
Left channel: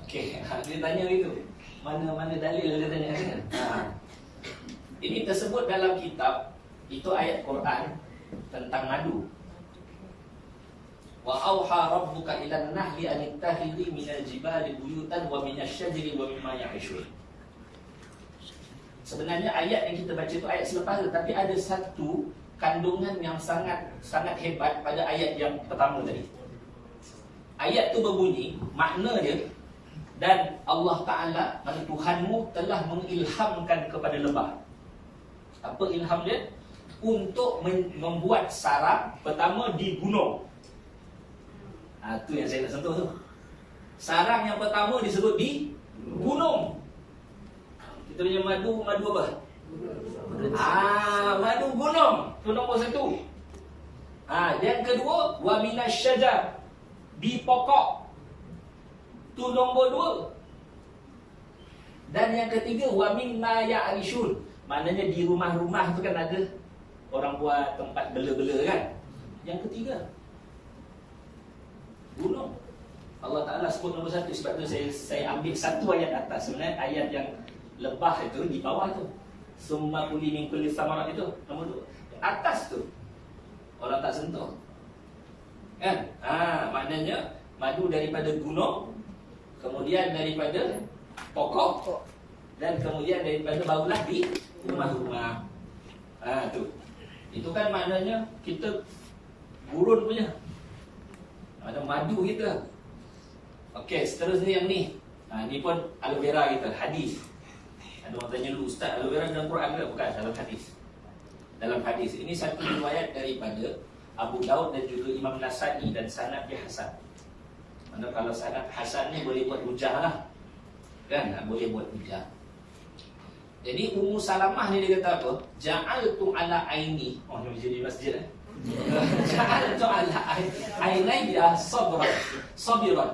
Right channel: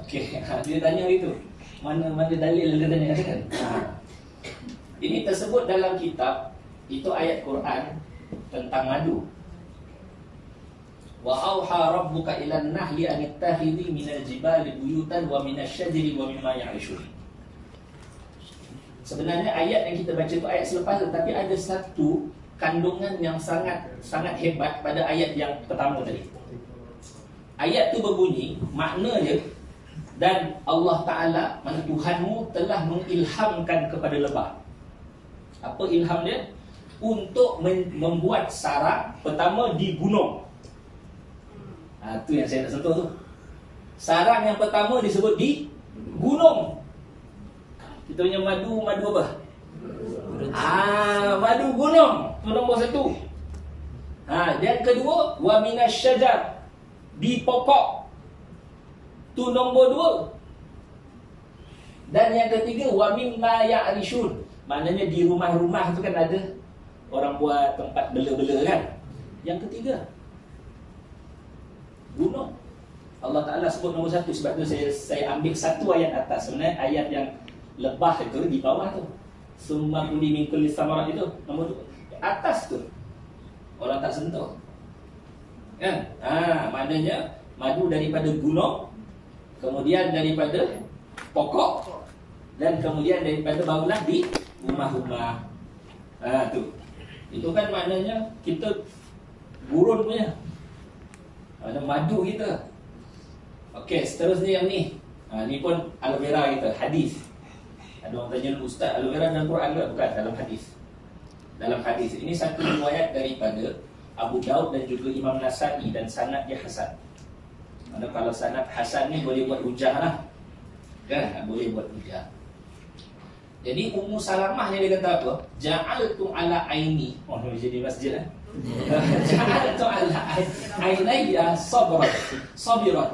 Okey, dia tanya itu. Mana dalil dia tanya kan? Ini tersebut dalam kitab. Itu ayat Quran tentang madu. Wa auha rabbuka ilan nahli an ittakhidhi minal jibali buyutan wa minasyajari wa mimma ya'rishun. Sebenarnya ayat yang kita baca itu ayat selepas, tapi ada satu kandungan yang sangat hebat pada ayat yang pertama tadi. Ayat itu berbunyi, makna dia, dan Allah Ta'ala, mana Tuhanmu telah mengilhamkan kepada lebah. Apa ilham dia? Untuk membuat sarang pertama di gunung. Itu yang saya nak sentuh tu. Sarang yang pertama disebut di gunung. Kita punya madu apa? Madu gunung. Itu nombor 1. Dan kedua, wa minasyajar, di pokok. Itu nombor 2. Dan yang ketiga, wa mimma ya'rishun. Maknanya di rumah-rumah tu kan ada orang buat tempat bela-bela kan. Yang ketiga, gunung. Allah Ta'ala sebut nombor 1. Sebab tu saya ambil satu ayat atas. Sebenarnya ayat yang lebah itu di bawah tu. Summa kuli min kulli samarat itu nombor 2. Atas tu orang tak sentuh. Kan? Maknanya madu daripada gunung, kemudian daripada pokok, dan kemudian daripada barulah di rumah-rumah. Tu. Itu kan maknanya kita gurun punya. Ada madu kita. Okey, seterusnya yang ni. Ni pun aloe vera kita, hadis. Ada orang tanya dulu, Ustaz, aloe vera dalam Quran ke? Bukan, dalam hadis. Dalam hadis. Ini satu riwayat daripada Abu Daud dan juga Imam Nasai, dan sanad dia hasan. Mana kalau sanad hasan ni boleh buat hujah lah. Kan? Boleh buat hujah. Jadi Ummu Salamah ni dia kata apa? Ja'altu ala aini. Ni jadi masjid lah. Ja'altu ala ainaiya sabiran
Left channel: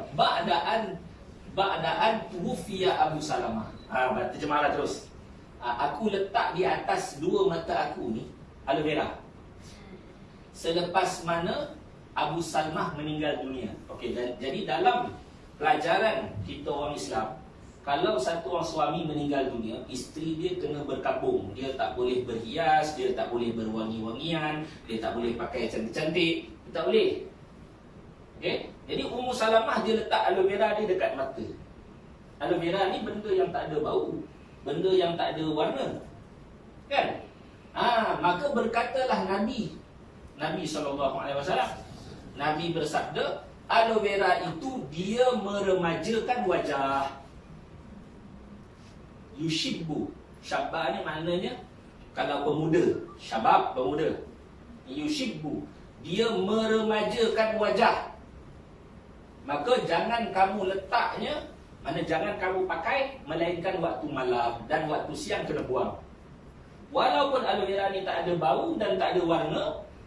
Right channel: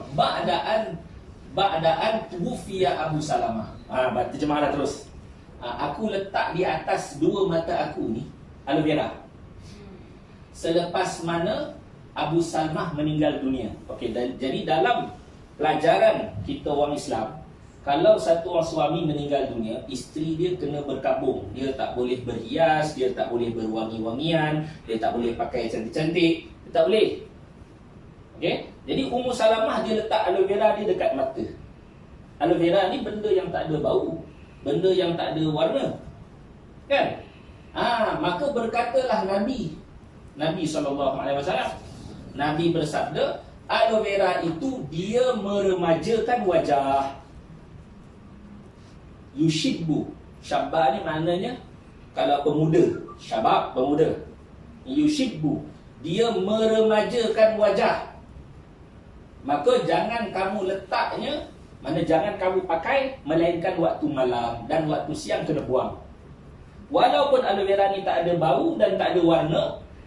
ba'daan tuwfiya Abu Salamah. Terjemahlah terus. Aku letak di atas 2 mata aku ni aloe vera selepas mana Abu Salamah meninggal dunia. Okey, jadi dalam pelajaran kita orang Islam, kalau satu orang suami meninggal dunia, isteri dia kena berkabung. Dia tak boleh berhias, dia tak boleh berwangi-wangian, dia tak boleh pakai cantik-cantik, dia tak boleh. Okey? Jadi Ummu Salamah dia letak aloe vera dia dekat mata. Aloe vera ni benda yang tak ada bau, benda yang tak ada warna. Kan? Maka berkatalah Nabi SAW. Nabi bersabda, aloe vera itu dia meremajakan wajah. Yushibbu. Syabab ni maknanya kalau pemuda, syabab pemuda. Yushibbu, dia meremajakan wajah. Maka jangan kamu letaknya, mana jangan kamu pakai melainkan waktu malam, dan waktu siang kena buang. Walaupun aloe vera ni tak ada bau dan tak ada warna,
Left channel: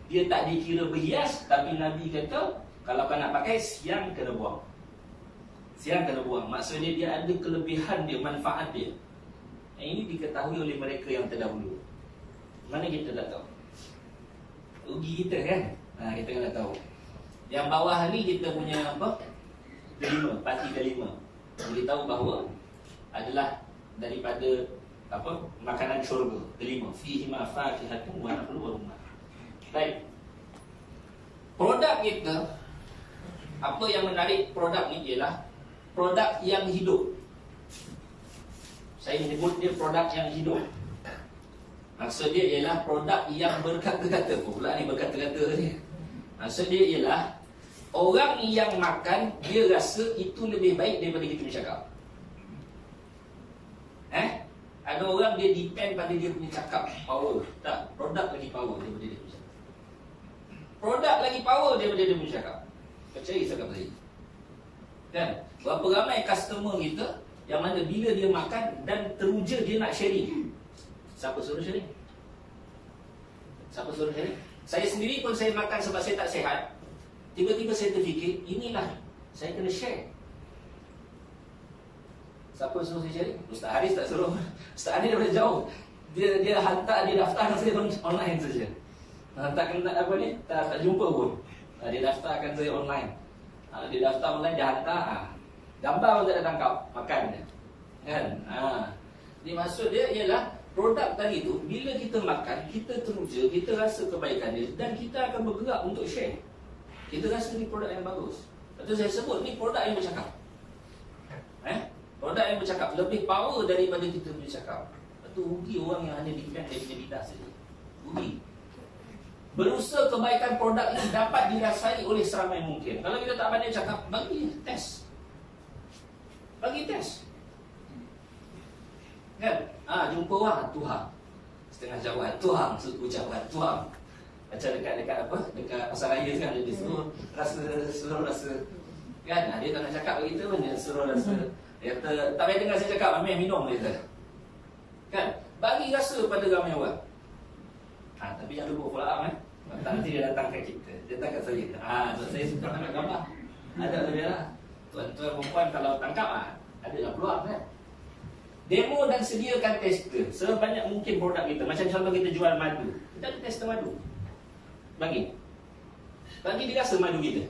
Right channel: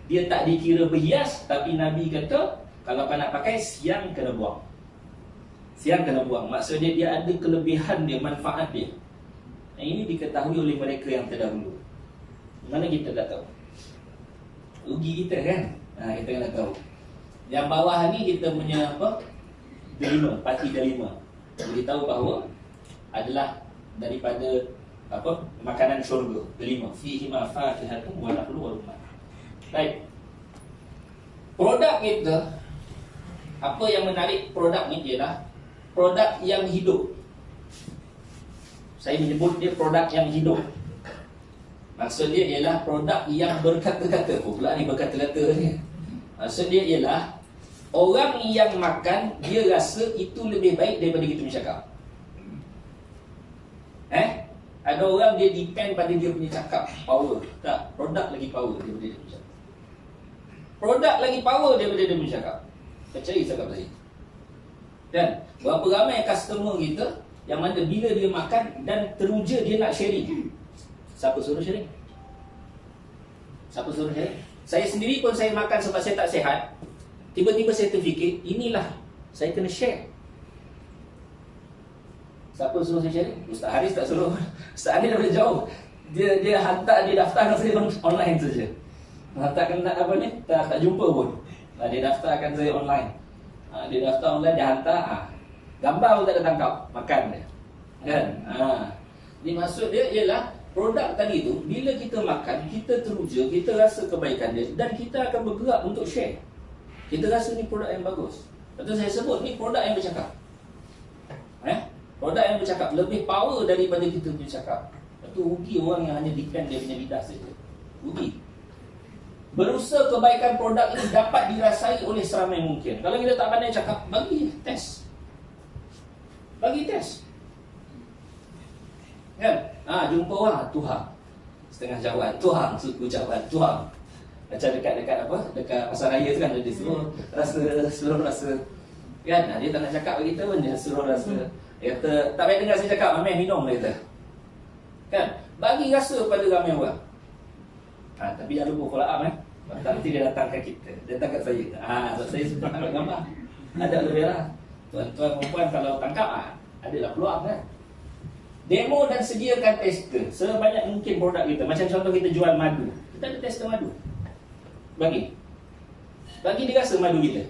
dia tak dikira berhias, tapi Nabi kata kalau kau nak pakai siang kena buang. Siang kena buang. Maksudnya dia ada kelebihan dia, manfaat dia. Ini diketahui oleh mereka yang terdahulu. Mana kita tak tahu? Rugi kita kan? Kita kena tahu. Yang bawah ni kita punya apa? Delima, parti delima. Jadi tahu bahawa adalah daripada apa? Makanan syurga. Delima. Fihi ma fakihatun wa nakhlu wa rumman. Baik. Produk kita, apa yang menarik produk ni ialah produk yang hidup. Saya menyebut dia produk yang hidup. Maksud dia ialah produk yang berkata-kata. Pula ni berkata-kata ni. Maksud dia ialah orang yang makan, dia rasa itu lebih baik daripada kita bercakap. Ada orang dia depend pada dia punya cakap power. Tak, produk lagi power daripada dia punya cakap. Produk lagi power daripada dia punya cakap. Percaya cakap saya. Kan? Berapa ramai customer kita yang mana bila dia makan dan teruja dia nak sharing. Siapa suruh sharing? Siapa suruh sharing? Saya sendiri pun saya makan sebab saya tak sihat. Tiba-tiba saya terfikir, inilah saya kena share. Siapa suruh saya sharing? Ustaz Haris tak suruh. Ustaz Haris daripada jauh. Dia hantar, dia daftarkan saya online saja. Hantarkan apa ni? Tak jumpa pun. Dia daftarkan saya online. Dia daftar online, dia hantar. Gambar pun tak ada tangkap. Makan dia. Kan? Ini maksud dia ialah produk tadi tu, bila kita makan, kita teruja, kita rasa kebaikan dia dan kita akan bergerak untuk share. Kita rasa ni produk yang bagus. Betul saya sebut ni produk yang bercakap. Produk yang bercakap lebih power daripada kita punya cakap. Itu rugi orang yang hanya depend dia punya lidah saja. Rugi. Berusaha kebaikan produk ini dapat dirasai oleh seramai mungkin. Kalau kita tak pandai cakap, bagi test. Bagi test. Kan? Jumpa orang, Tuhan. Setengah jawab, Tuhan. Suku jawab, Tuhan. Macam dekat apa? Dekat pasar raya tu kan, dia suruh rasa. Kan? Dia tak nak cakap begitu pun, dia suruh rasa. Dia kata, tak payah dengar saya cakap, ambil minum dia kata. Kan? Bagi rasa pada ramai orang. Tapi jangan lupa follow up nanti dia datang ke kita. Dia datang kat saya. So saya suka tangkap gambar. Ada aloe vera. Tuan-tuan perempuan kalau tangkap adalah peluang kan. Demo dan sediakan tester sebanyak mungkin produk kita. Macam contoh kita jual madu. Kita ada tester madu. Bagi dia rasa madu kita.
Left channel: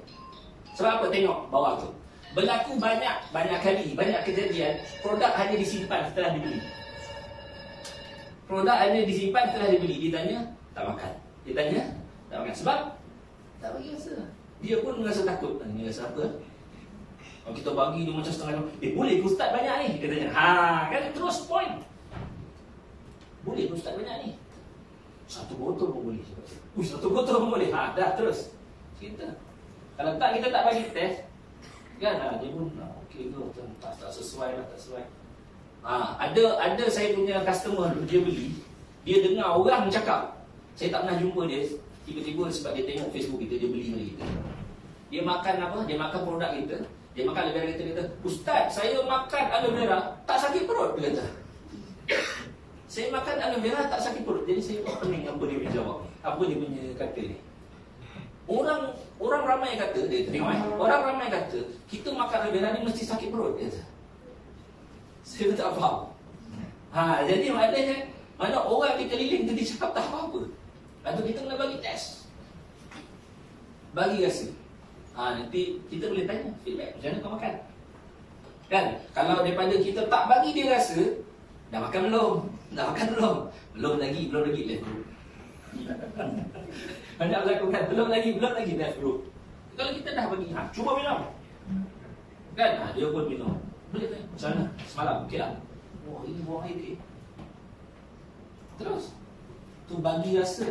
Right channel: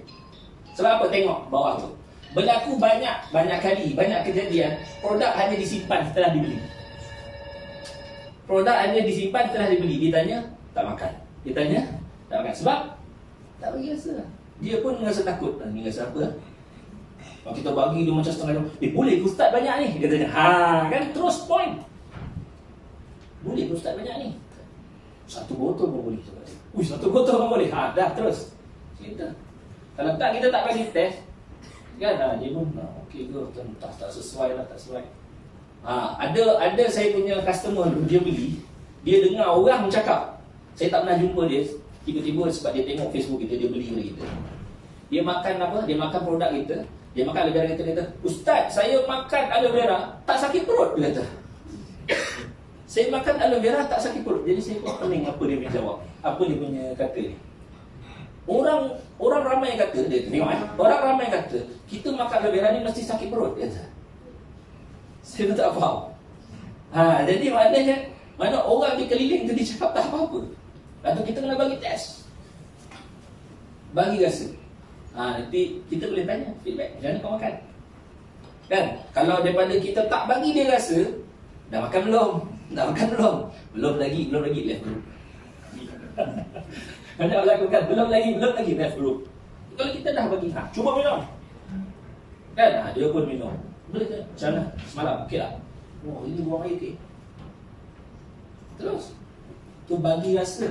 Sebab apa? Tengok bawah tu. Berlaku banyak kali, banyak kejadian produk hanya disimpan setelah dibeli. Produk hanya disimpan setelah dibeli. Ditanya, tak makan. Ditanya, tak makan. Sebab tak bagi rasa. Dia pun rasa takut. Ni rasa apa? Kalau kita bagi dia macam setengah boleh ke Ustaz banyak ni? Dia tanya, kan terus point. Boleh ke Ustaz banyak ni? Satu botol pun boleh. Satu botol pun boleh. Dah terus. Kita. Kalau tak, kita tak bagi test. Kan? Dia pun, okey ke? Tak sesuai lah, tak sesuai. Ada saya punya customer, dia beli. Dia dengar orang cakap. Saya tak pernah jumpa dia. Tiba-tiba sebab dia tengok Facebook kita, dia beli dari kita. Dia makan apa? Dia makan produk kita. Dia makan aloe vera, kita kata, Ustaz, saya makan aloe vera, tak sakit perut. Dia kata, saya makan aloe vera, tak sakit perut. Jadi saya pun pening apa dia punya jawab. Apa dia punya kata ni. Orang ramai yang kata, dia tengok orang ramai kata, kita makan aloe vera ni mesti sakit perut. Dia kata, saya pun tak faham. Jadi maknanya, mana orang di keliling tu dia cakap tak apa-apa. Lepas tu kita kena bagi test. Bagi rasa. Nanti kita boleh tanya feedback, macam mana kau makan? Kan? Kalau daripada kita tak bagi dia rasa, dah makan belum? Dah makan belum? Belum lagi, left group. Banyak lakukan, belum lagi left group. Kalau kita dah bagi, cuba minum. Kan? Dia pun minum. Boleh tak? Macam mana? Semalam, okey tak? Ini buang air okey. Terus tu bagi rasa.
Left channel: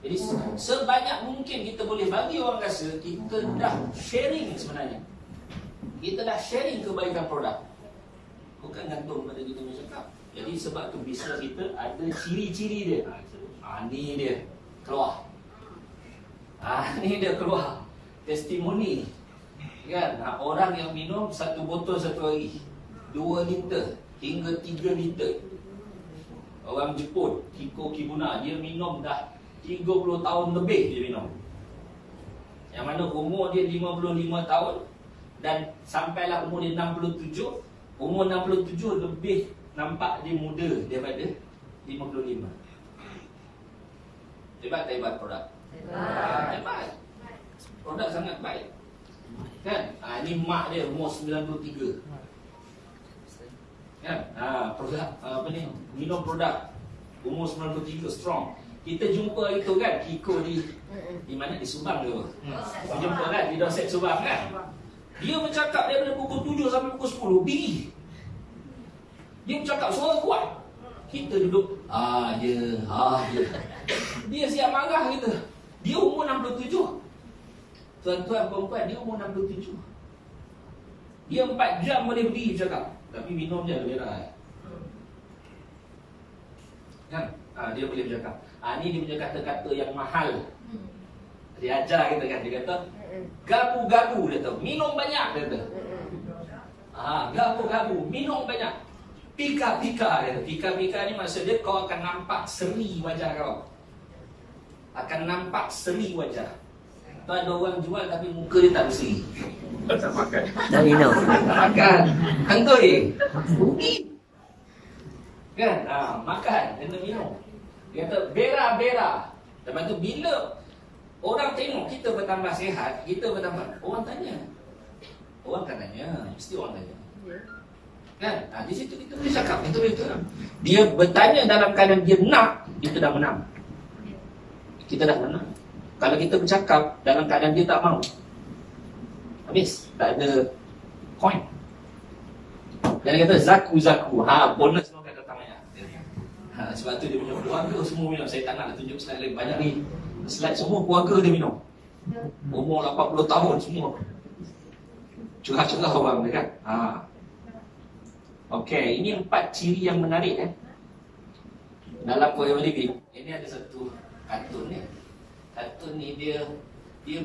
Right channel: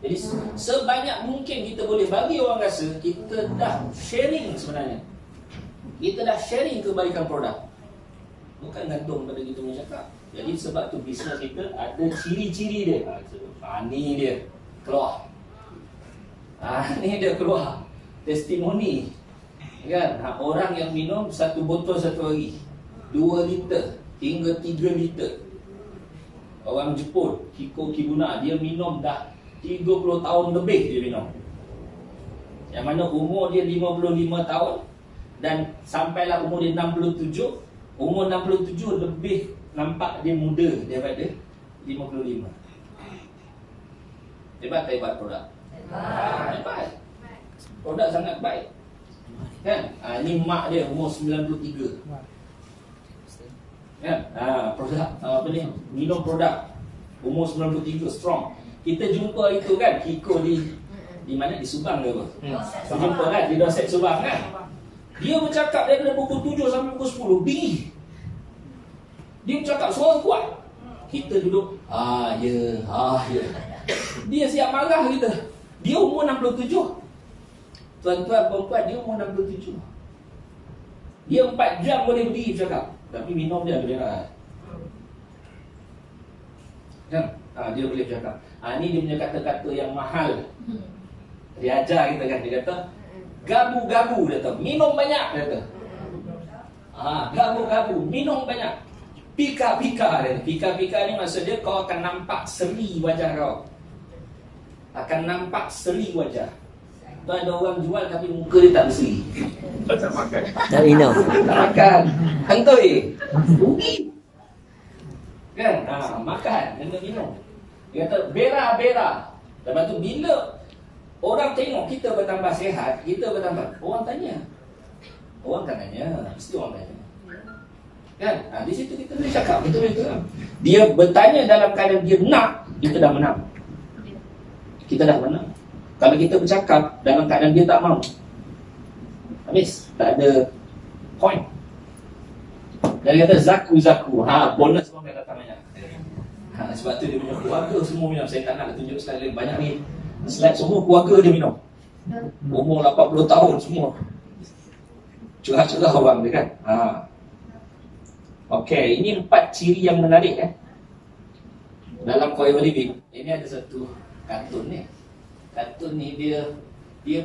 Jadi sebanyak mungkin kita boleh bagi orang rasa, kita dah sharing sebenarnya. Kita dah sharing kebaikan produk. Bukan gantung pada kita punya cakap. Jadi sebab tu bisnes kita ada ciri-ciri dia. Ni dia keluar. Ni dia keluar. Testimoni. Kan? Orang yang minum satu botol satu hari, 2 liter hingga 3 liter. Orang Jepun, Kiko Kibuna, dia minum dah 30 tahun lebih dia minum. Yang mana umur dia 55 tahun dan sampailah umur dia 67. Umur 67 lebih nampak dia muda daripada 55. Hebat tak hebat produk? Hebat. Produk sangat baik. Kan? Ni mak dia umur 93. Kan? Produk apa ni? Minum produk umur 93 strong. Kita jumpa itu kan Kiko di mana? Di Subang ke apa? Kita jumpa kan di Doset Subang kan? Dia bercakap daripada pukul 7 sampai pukul 10 dia bercakap suara kuat. Kita duduk ya. Dia siap marah kita. Dia umur 67. Tuan-tuan perempuan, dia umur 67. Dia 4 jam boleh berdiri bercakap. Tapi minum je aloe vera. Kan? Dia boleh bercakap. Ni dia punya kata-kata yang mahal. Dia ajar kita kan. Dia kata, gabu-gabu, dia kata, minum banyak, dia kata. Gabu-gabu, minum banyak. Pika-pika, dia kata. Pika-pika ni maksud dia kau akan nampak seri wajah kau. Akan nampak seri wajah. Tu ada orang jual tapi muka dia tak berseri. Tak makan. Tak minum. Tak makan. Hantoi. Rugi. Kan? Makan, kena minum. Dia kata bera-bera. Lepas tu bila orang tengok kita bertambah sihat, kita bertambah, orang tanya. Orang kan tanya, mesti orang tanya. Kan? Di situ kita boleh cakap, kita boleh cakap. Dia bertanya dalam keadaan dia nak, kita dah menang. Kita dah menang. Kalau kita bercakap dalam keadaan dia tak mau, habis, tak ada point. Dia kata zaku-zaku. Bonus semua akan datangnya. Sebab tu dia punya keluarga semua minum. Saya tak nak tunjuk slide lain banyak ni. Slide semua keluarga dia minum. Umur 80 tahun semua. Curah-curah orang dia kan. Okey, ini 4 ciri yang menarik dalam Forever Living. Ini ada satu kartun ni. Kartun ni dia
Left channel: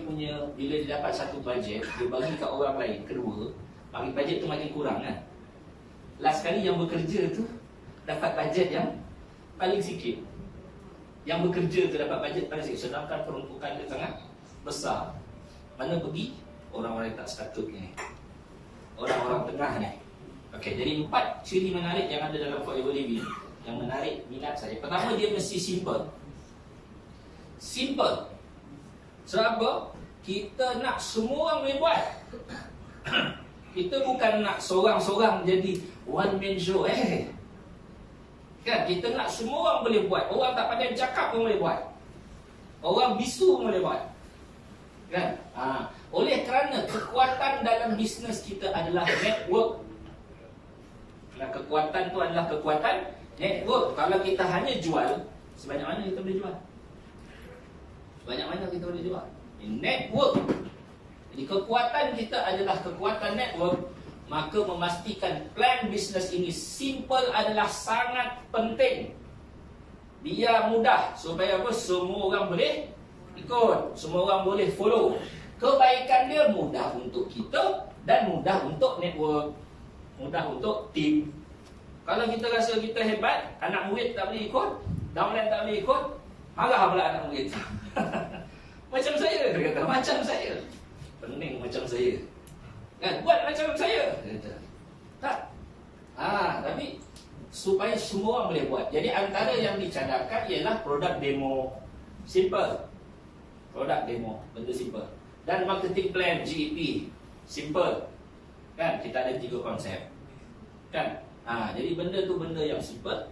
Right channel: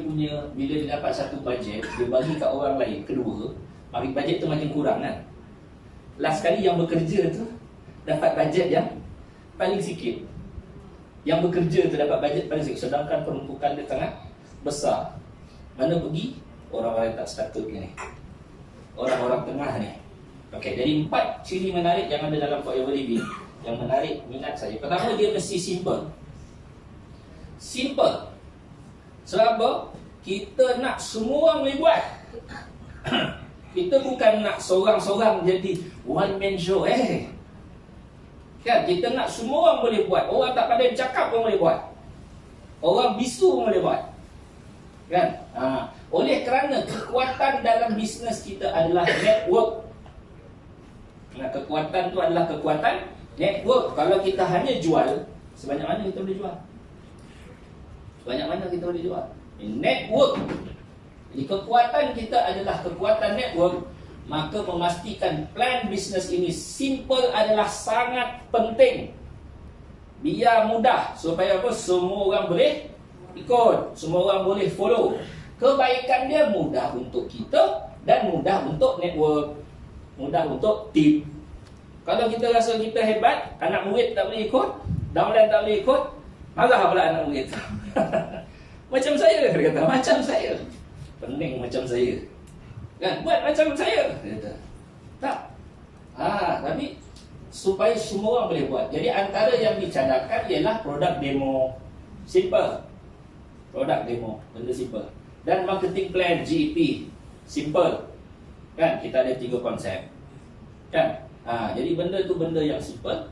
punya, bila dia dapat satu bajet, dia bagi kat orang lain. Kedua, bajet tu makin kurang kan. Last kali yang bekerja tu dapat bajet yang paling sikit. Yang bekerja tu dapat bajet paling sikit. Sedangkan peruntukan dia sangat besar. Mana pergi? Orang-orang tak sepatutnya ni. Orang-orang tengah ni. Okey, jadi 4 ciri menarik yang ada dalam Forever Living yang menarik minat saya. Pertama, dia mesti simple. Simple. Sebab apa? Kita nak semua orang boleh buat. Kita bukan nak seorang-seorang jadi one man show. Kan? Kita nak semua orang boleh buat. Orang tak pandai bercakap pun boleh buat. Orang bisu pun boleh buat. Kan? Oleh kerana kekuatan dalam bisnes kita adalah network. Nah, kekuatan tu adalah kekuatan network. Kalau kita hanya jual, sebanyak mana kita boleh jual? Sebanyak mana kita boleh jual? Network. Jadi kekuatan kita adalah kekuatan network. Maka memastikan plan bisnes ini simple adalah sangat penting. Biar mudah supaya apa? Semua orang boleh ikut, semua orang boleh follow. Kebaikan dia mudah untuk kita dan mudah untuk network, mudah untuk tim. Kalau kita rasa kita hebat, anak murid tak boleh ikut, downline tak boleh ikut, marah pula anak murid. Macam saya, dia kata, macam saya. Pening macam saya. Kan? Buat macam saya. Dia kata, tak. Tapi supaya semua orang boleh buat. Jadi antara yang dicadangkan ialah produk demo. Simple. Produk demo, benda simple. Dan marketing plan, GEP, simple. Kan? Kita ada 3 konsep. Kan? Jadi benda tu benda yang simple.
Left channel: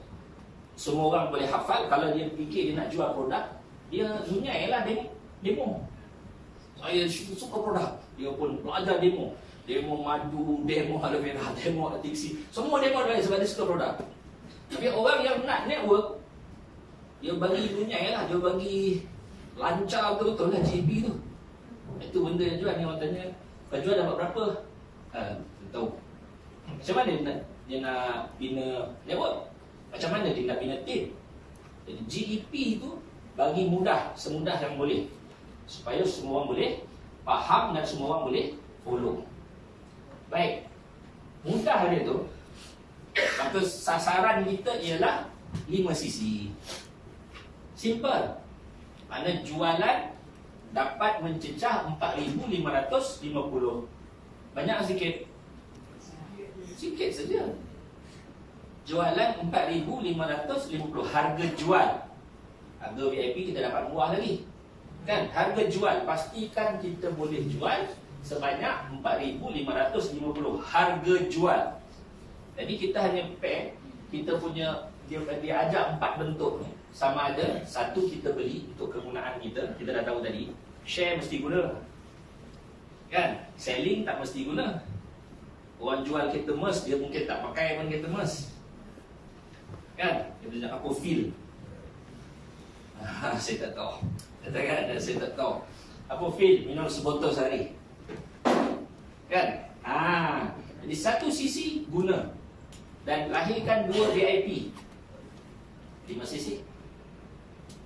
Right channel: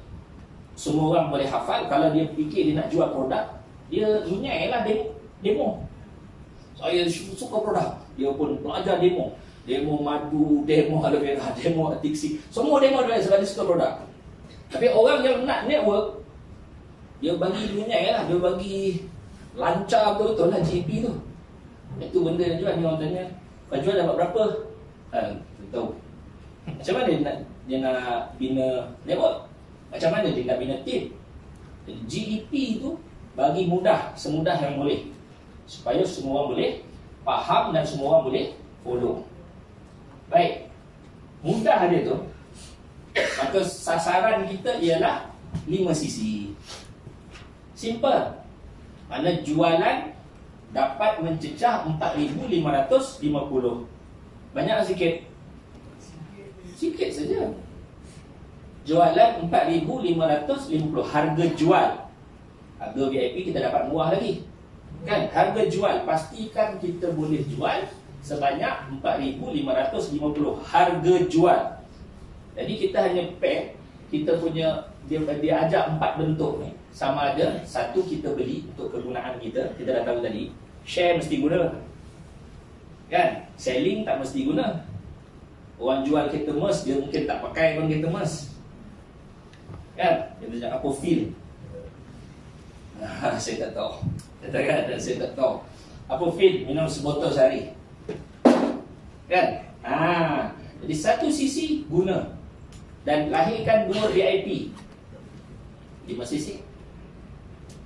Semua orang boleh hafal. Kalau dia fikir dia nak jual produk, dia zunyai lah demo. Saya suka produk. Dia pun belajar demo. Demo madu, demo aloe vera, demo tiksi. Semua demo dia sebab dia suka produk. Tapi orang yang nak network, dia bagi dunia lah. Dia bagi lancar betul lah GP tu. Itu benda yang jual. Ni orang tanya, kau jual dapat berapa? Tahu. Macam mana dia nak bina network? Macam mana dia nak bina team? Jadi GEP tu bagi mudah, semudah yang boleh. Supaya semua orang boleh faham dan semua orang boleh follow. Baik. Mudah dia tu. Maka sasaran kita ialah 5 sisi. Simple. Mana jualan dapat mencecah 4,550. Banyak sikit? Sikit saja. Jualan 4,550. Harga jual. Harga VIP kita dapat murah lagi. Kan? Harga jual. Pastikan kita boleh jual sebanyak 4,550. Harga jual. Jadi kita hanya pack. Kita punya, dia ajak 4 bentuk ni. Sama ada, satu kita beli untuk kegunaan kita. Kita dah tahu tadi. Share mesti guna. Kan? Selling tak mesti guna. Orang jual kereta Merc, dia mungkin tak pakai pun kereta Merc. Kan? Dia cakap apa feel. Saya tak tahu. Saya tak tahu. Apa feel minum sebotol sehari. Kan? Jadi satu sisi guna. Dan lahirkan 2 VIP. 5 cc.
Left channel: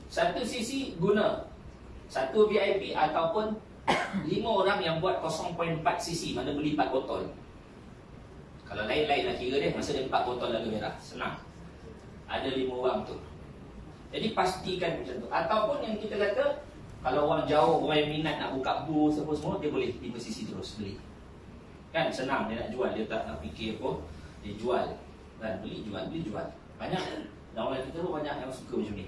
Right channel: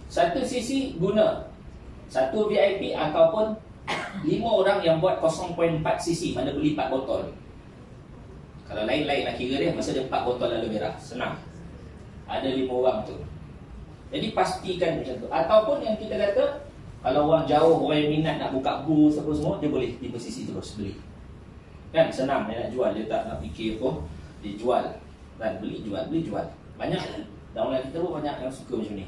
Satu cc guna satu VIP ataupun 5 orang yang buat 0.4 cc, mana beli 4 botol. Kalau lain-lain nak kira dia, masa dia 4 botol aloe vera, senang. Ada 5 orang tu. Jadi pastikan macam tu. Ataupun yang kita kata, kalau orang jauh, orang yang minat nak buka booth apa semua, dia boleh 5 cc terus beli. Kan senang dia nak jual, dia tak nak fikir apa, dia jual. Dan beli jual, beli jual. Banyak downline kita pun banyak yang suka macam ni.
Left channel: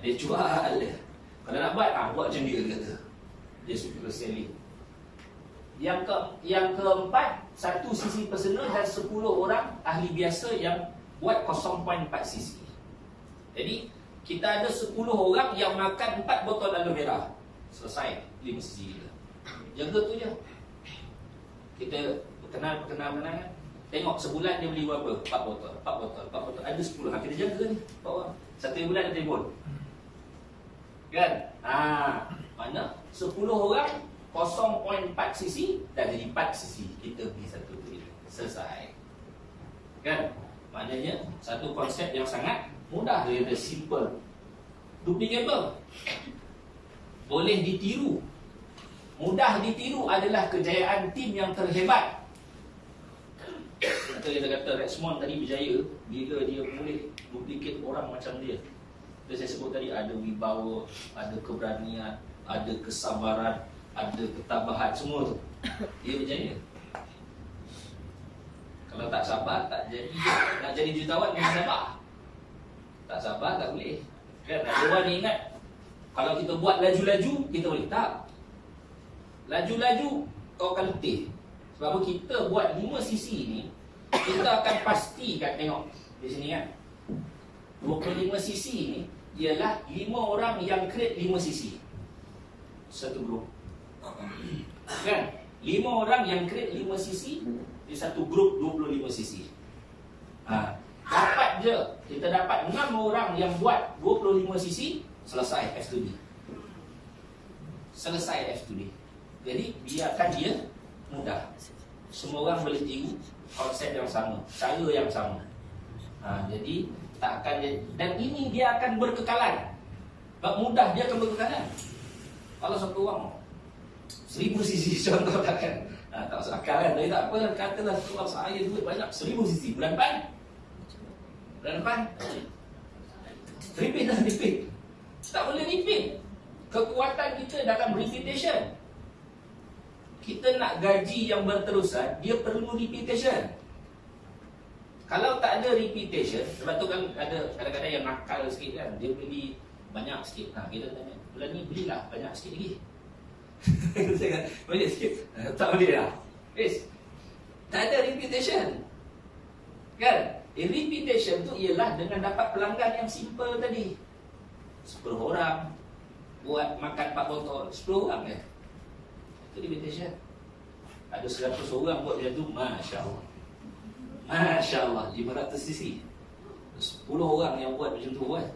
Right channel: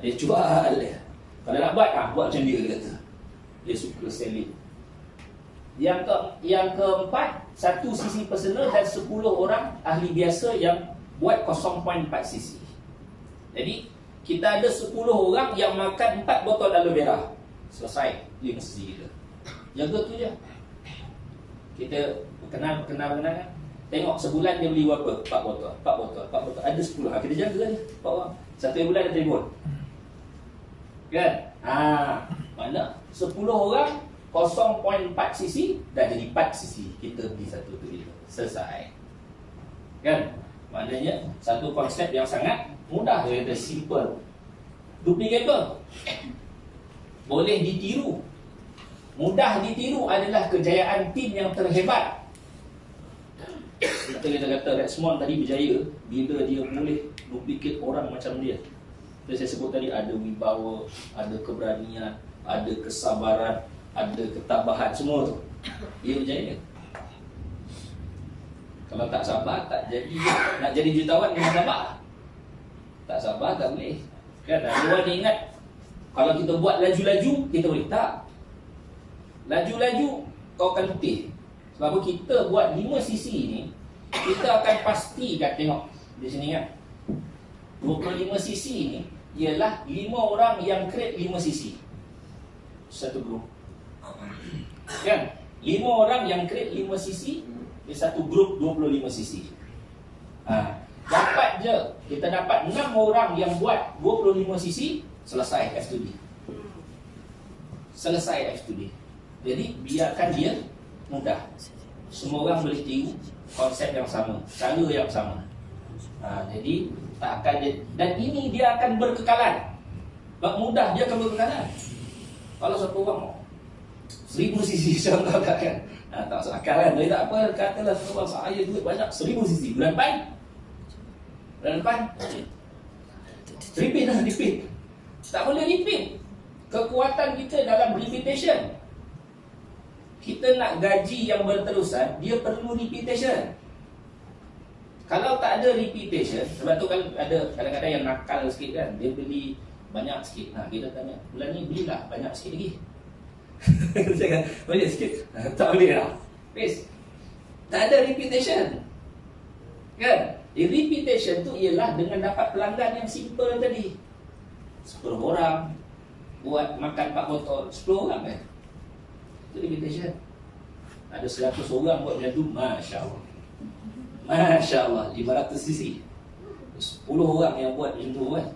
Dia jual dia. Kalau nak buat, buat macam dia kata. Dia suka selling. Yang keempat, 1 cc personal dan 10 orang ahli biasa yang buat 0.4 cc. Jadi kita ada 10 orang yang makan 4 botol aloe vera. Selesai 5 cc kita. Jaga tu je. Kita kenal kan. Tengok sebulan dia beli berapa? 4 botol. Ada 10. Kita jaga ni 4 orang. Satu bulan dia telefon. Kan? Mana 10 orang 0.4 cc dah jadi 4 cc. Kita beli satu tu dia. Selesai. Kan? Maknanya satu konsep yang sangat mudah, dia kata simple. Duplicable. Boleh ditiru. Mudah ditiru adalah kejayaan tim yang terhebat. Kita kata Rexmond tadi berjaya bila dia boleh duplicate orang macam dia. Saya sebut tadi, ada wibawa, ada keberanian, ada kesabaran, ada ketabahan, semua tu. Dia berjaya. Kalau tak sabar, tak jadi. Nak jadi jutawan, jangan sabar. Tak sabar, tak boleh. Kan? Ada orang ingat, kalau kita buat laju-laju, kita boleh. Tak. Laju-laju, kau akan letih. Sebab kita buat 5 cc ni, kita akan pastikan, tengok di sini kan, 25 cc ni ialah 5 orang yang create 5 cc. Satu grup. Kan? 5 orang yang create 5 cc di satu grup 25 cc. Dapat je, kita dapat 6 orang yang buat 25 cc, selesai F2B. Selesai F2B. Jadi biarkan dia mudah. Semua orang boleh tiru konsep yang sama, cara yang sama. Jadi tak akan dia, dan ini dia akan berkekalan. Sebab mudah dia akan berkekalan. Kalau satu orang 1000 cc contoh kan, tak masuk akal kan. Jadi tak apa, katalah satu orang, saya duit banyak 1000 cc. Bulan depan repeat. Tak boleh repeat. Kekuatan kita dalam repetition. Kita nak gaji yang berterusan, dia perlu repetition. Kalau tak ada repetition, sebab tu kan ada kadang-kadang yang nakal sikit kan, dia beli banyak sikit. Kita tanya, bulan ni belilah banyak sikit lagi. Saya kata, banyak sikit. Tak boleh lah. Tak ada repetition. Kan? Repetition tu ialah dengan dapat pelanggan yang simple tadi. 10 orang buat makan 4 botol, 10 orang kan. Itu repetition. Ada 100 orang buat macam tu, Masya Allah. Masya Allah, 500 cc. 10 orang yang buat macam tu kan.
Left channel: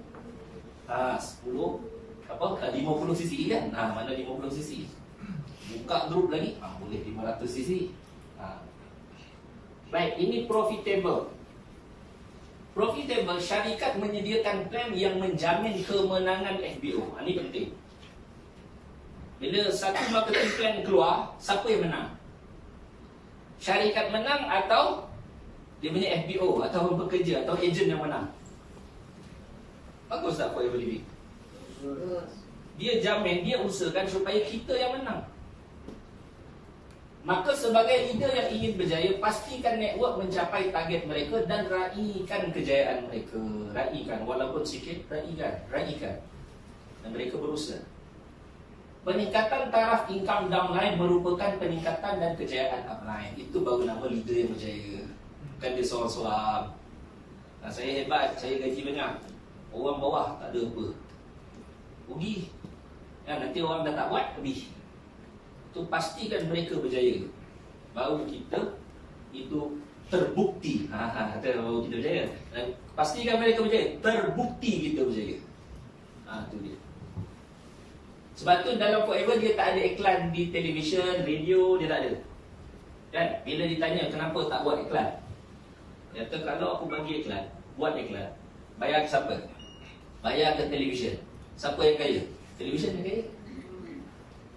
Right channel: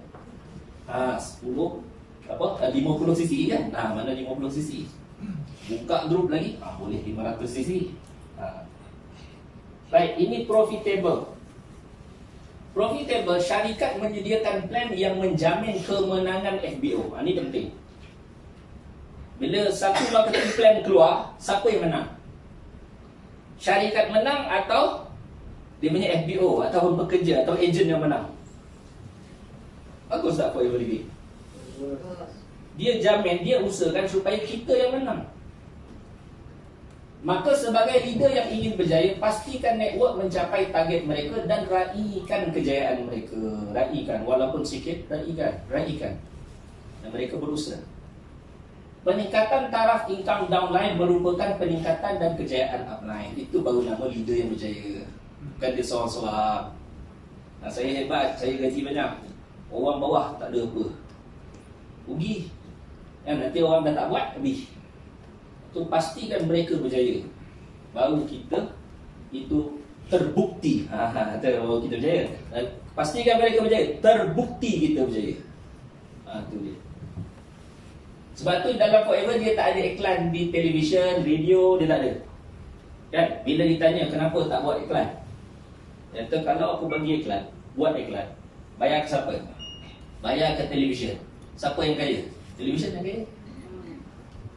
50 cc kan. Mana 50 cc. Buka grup lagi, boleh 500 cc. Baik, ini profitable. Profitable, syarikat menyediakan plan yang menjamin kemenangan FBO. Ini penting. Bila satu marketing plan keluar, siapa yang menang? Syarikat menang atau dia punya FBO ataupun pekerja atau ejen yang menang? Bagus tak for your living? Dia jamin, dia usahakan supaya kita yang menang. Maka sebagai leader yang ingin berjaya, pastikan network mencapai target mereka dan raikan kejayaan mereka. Raikan, walaupun sikit, raikan. Dan mereka berusaha. Peningkatan taraf income downline merupakan peningkatan dan kejayaan upline. Itu baru nama leader yang berjaya. Kan dia soal-soal. Saya hebat, saya gaji banyak. Orang bawah tak ada apa. Rugi. Nanti orang dah tak buat, habis. Itu pastikan mereka berjaya. Baru kita itu terbukti. Baru kita berjaya. Pastikan mereka berjaya. Terbukti kita berjaya. Itu dia. Sebab tu dalam Forever dia tak ada iklan di televisyen, radio, dia tak ada. Kan? Bila ditanya kenapa tak buat iklan, dia kata kalau aku bagi iklan, buat iklan, Bayar ke siapa? Bayar ke televisyen. Siapa yang kaya? Televisyen yang kaya.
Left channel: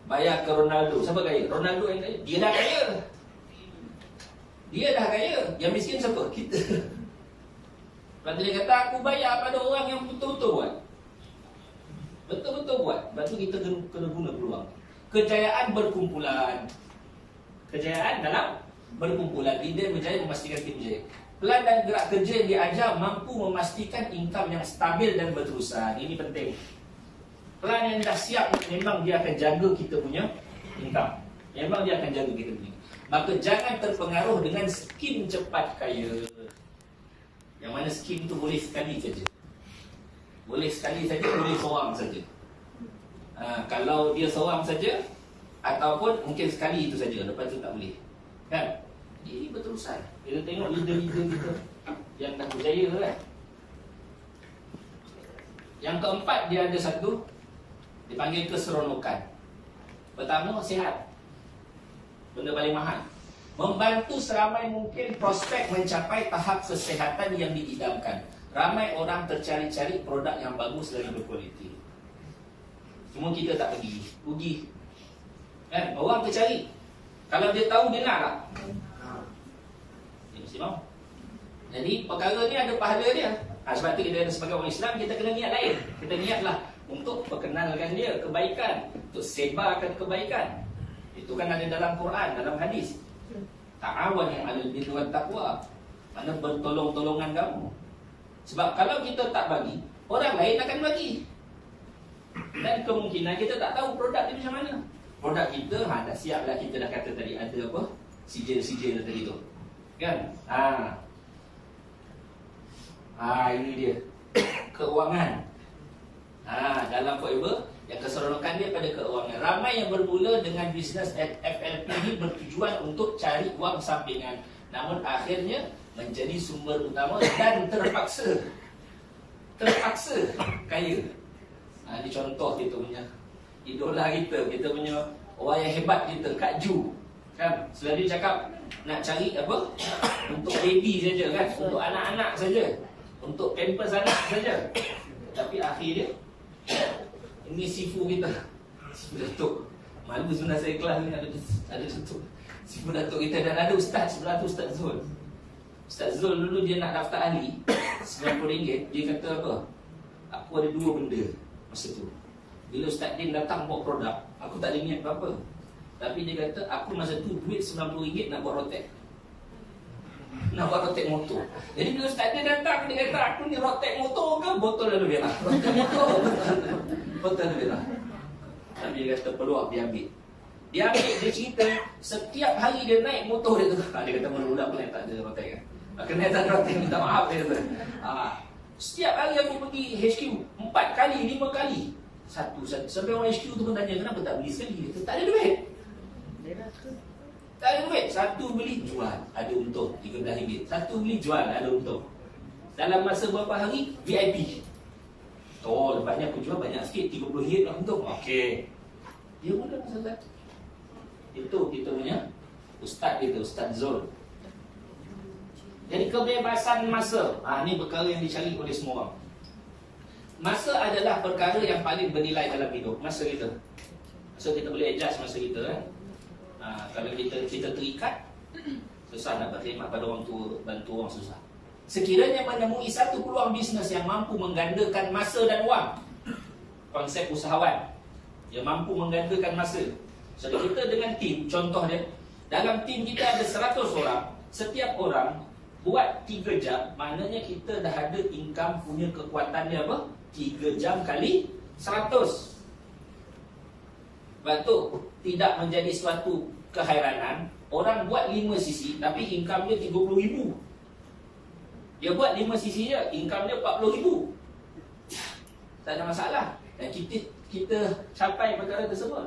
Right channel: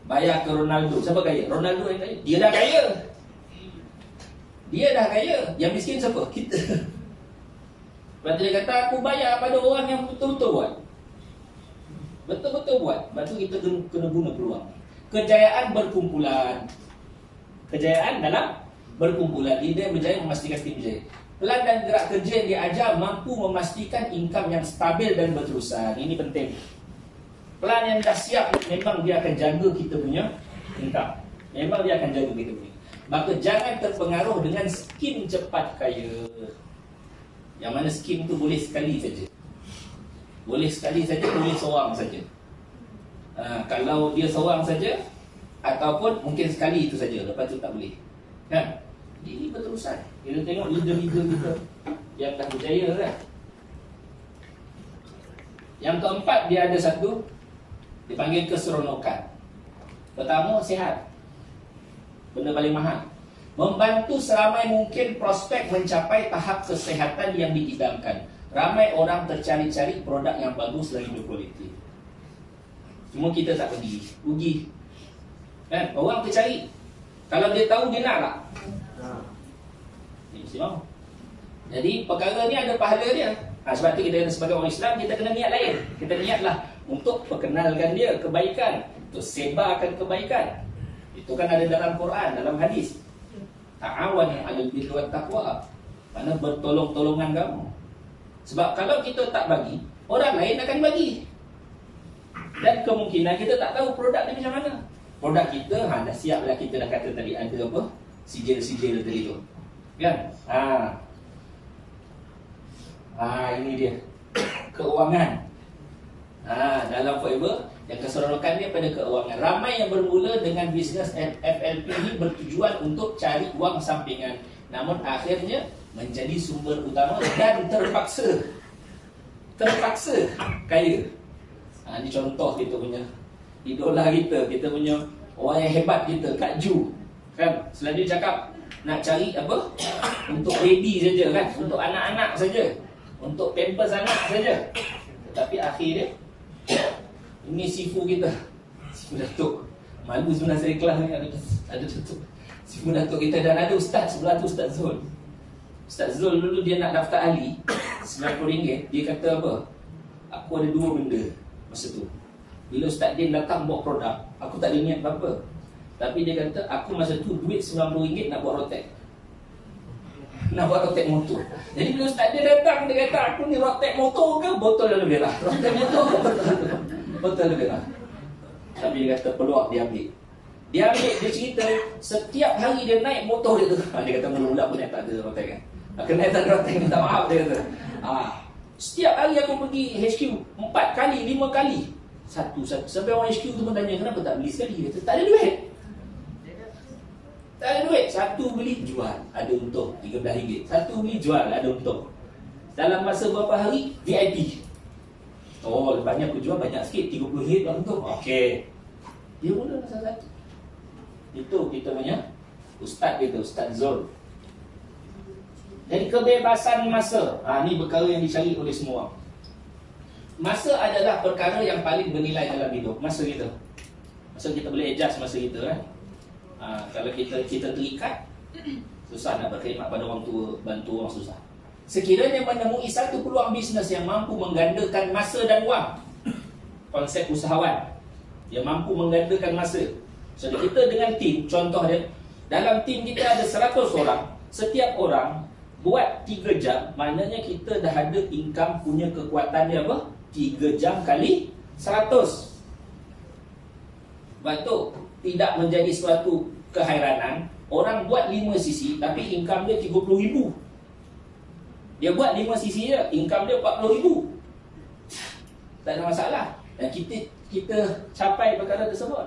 Bayar ke Ronaldo. Siapa kaya? Ronaldo yang kaya. Dia dah kaya. Dia dah kaya. Yang miskin siapa? Kita. Lepas tu dia kata, aku bayar pada orang yang betul-betul buat. Betul-betul buat. Lepas tu kita kena guna peluang. Kejayaan berkumpulan. Kejayaan dalam berkumpulan. Leader berjaya memastikan tim berjaya. Pelan dan gerak kerja yang diajar mampu memastikan income yang stabil dan berterusan. Ini penting. Pelan yang dah siap, memang dia akan jaga kita punya income. Memang dia akan jaga kita punya. Maka jangan terpengaruh dengan skim cepat kaya. Yang mana skim tu boleh sekali saja. Boleh sekali saja, boleh seorang saja. Kalau dia seorang saja, ataupun mungkin sekali itu saja, lepas tu tak boleh. Kan? Ini berterusan. Kita tengok leader-leader kita yang dah berjaya kan. Yang keempat, dia ada satu, dipanggil keseronokan. Pertama, sihat. Benda paling mahal. Membantu seramai mungkin prospek mencapai tahap kesihatan yang diidamkan. Ramai orang tercari-cari produk yang bagus lagi berkualiti. Cuma kita tak pergi. Rugi. Kan? Orang tercari. Kalau dia tahu, dia nak tak? Dia mesti mahu. Jadi perkara ni ada pahala dia. Sebab tu kita sebagai orang Islam, kita kena niat lain. Kita niatlah untuk perkenalkan dia kebaikan, untuk sebarkan kebaikan. Itu kan ada dalam Quran, dalam hadis. Ta'awan 'alal birri wat taqwa. Mana bertolong-tolongan kamu. Sebab kalau kita tak bagi, orang lain akan bagi. Dan kemungkinan kita tak tahu produk dia macam mana. Produk kita, dah siap dah, kita dah kata tadi ada apa? Sijil-sijil tadi tu. Kan? Ini dia. Keuangan. Dalam forever, yang keseronokan dia pada keuangan. Ramai yang bermula dengan bisnes FLP ini bertujuan untuk cari wang sampingan. Namun akhirnya menjadi sumber utama dan terpaksa kaya. Ini contoh kita punya idola kita punya orang yang hebat kita, Kak Ju. Kan? Selalu cakap nak cari apa? Untuk baby saja kan? Untuk anak-anak saja. Untuk pampers anak saja. Tapi akhir dia, ini sifu kita, sifu Datuk. Malu sebenarnya saya kelas ni ada Datuk. Sifu Datuk kita, dan ada ustaz sebelah tu, Ustaz Zul. Ustaz Zul dulu dia nak daftar ahli RM90. Dia kata apa? Aku ada dua benda masa tu. Bila Ustaz Din datang bawa produk, aku tak ada niat apa-apa. Tapi dia kata, aku masa tu duit RM90 nak buat rotek. Nak buat rotek motor. Jadi bila Ustaz Din datang, dia kata, aku ni rotek motor ke botol lebih lah? Rotek motor botol lebih lah. Tapi dia kata, peluang dia ambil. Dia cerita, setiap hari dia naik motor dia tu. Dia kata, mula-mula pun tak ada rotek kan. Kena tak ada rotek, minta maaf dia kata. Setiap hari aku pergi HQ 4 kali, 5 kali. Satu. Sampai orang HQ tu pun tanya, kenapa tak beli sekali? Dia kata, tak ada duit. Tak ada duit. Satu beli, jual, ada untung RM13. Satu beli, jual, ada untung. Dalam masa berapa hari, VIP. Lepasnya aku jual banyak sikit, RM30 dah untung. Okey. Dia mula masa satu. Itu kita punya ustaz kita, Ustaz Zul. Jadi kebebasan masa, ini perkara yang dicari oleh semua orang. Masa adalah perkara yang paling bernilai dalam hidup. Masa kita boleh adjust masa kita kan. Kalau kita terikat, susah nak berkhidmat pada orang tua, bantu orang susah. Sekiranya menemui satu peluang bisnes yang mampu menggandakan masa dan wang, konsep usahawan yang mampu menggandakan masa. So kita dengan tim, contoh dia, dalam tim kita ada 100 orang. Setiap orang buat 3 jam, maknanya kita dah ada income punya kekuatan dia apa? 3 jam kali 100. Sebab tu tidak menjadi suatu kehairanan orang buat 5 sisi tapi income dia 30,000. Dia buat 5 sisi dia, income dia 40,000. Tak ada masalah. Dan kita capai perkara tersebut.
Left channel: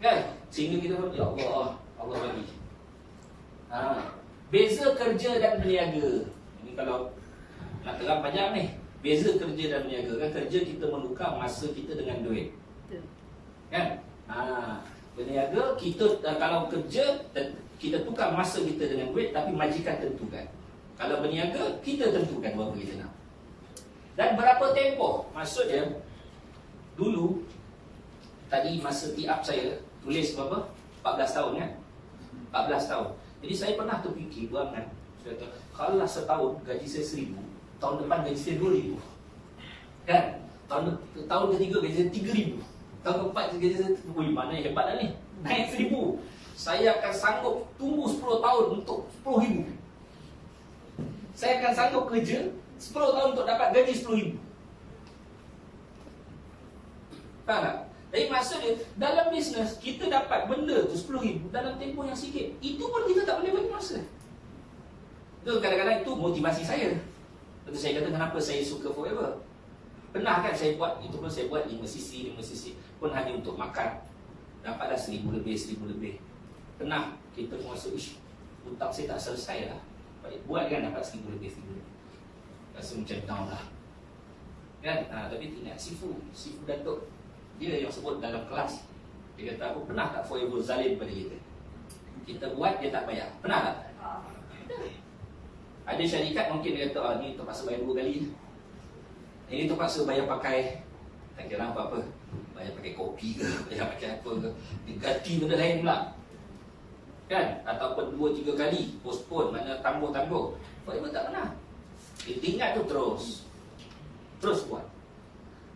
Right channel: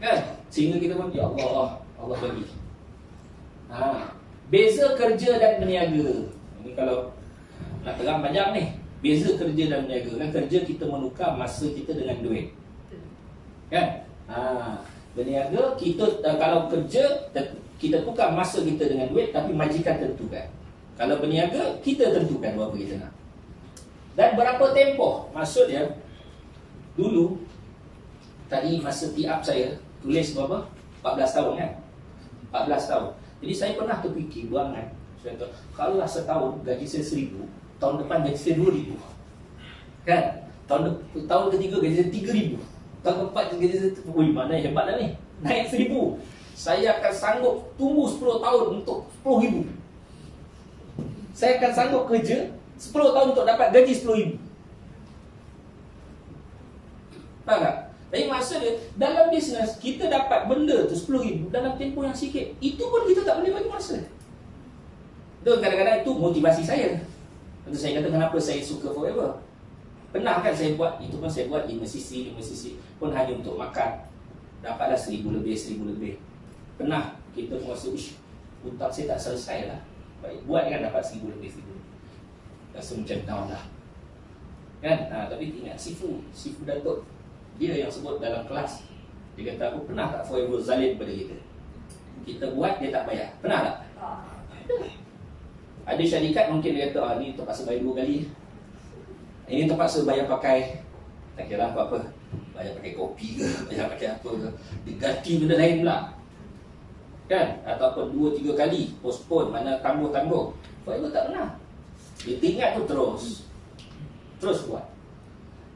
Kan? Sehingga kita pun, ya Allah, Allah bagi. Beza kerja dan berniaga. Ini kalau nak terang panjang ni. Beza kerja dan berniaga. Kan kerja kita menukar masa kita dengan duit. Kan? Berniaga kita, kalau kerja kita tukar masa kita dengan duit, tapi majikan tentukan. Kalau berniaga kita tentukan berapa kita nak. Dan berapa tempoh? Maksud dia, dulu, tadi masa tiap saya tulis berapa? 14 tahun kan? 14 tahun. Jadi saya pernah terfikir berangan. Saya kata, kalau setahun gaji saya 1,000, tahun depan gaji saya 2,000. Kan? Tahun ketiga gaji saya 3,000. Tahun keempat gaji saya, wih mana hebat dah ni. Naik 1,000. Saya akan sanggup tunggu 10 tahun untuk 10,000. Saya akan sanggup kerja 10 tahun untuk dapat gaji 10,000. Faham tak? Tapi maksud dia, dalam bisnes kita dapat benda tu 10,000 dalam tempoh yang sikit. Itu pun kita tak boleh bagi masa. Itu kadang-kadang itu motivasi saya. Lepas saya kata kenapa saya suka Forever. Pernah kan saya buat, itu pun saya buat 5 sisi pun hanya untuk makan. Dapatlah 1,000 lebih. Pernah kita merasa, hutang saya tak selesai lah. Baik, buat kan dapat 1,000 lebih. Rasa macam down lah. Kan? Tapi ingat Sifu Datuk, dia yang sebut dalam kelas. Dia kata, aku pernah tak Forever zalim pada kita? Kita buat, dia tak bayar. Pernah tak? Ada syarikat mungkin dia kata, ni terpaksa bayar 2 kali. Ini terpaksa bayar pakai, tak kira apa-apa, bayar pakai kopi ke, bayar pakai apa ke, diganti benda lain pula. Kan? Ataupun 2-3 kali postpone, mana tangguh-tangguh. Forever tak pernah. Dia ingat tu terus buat.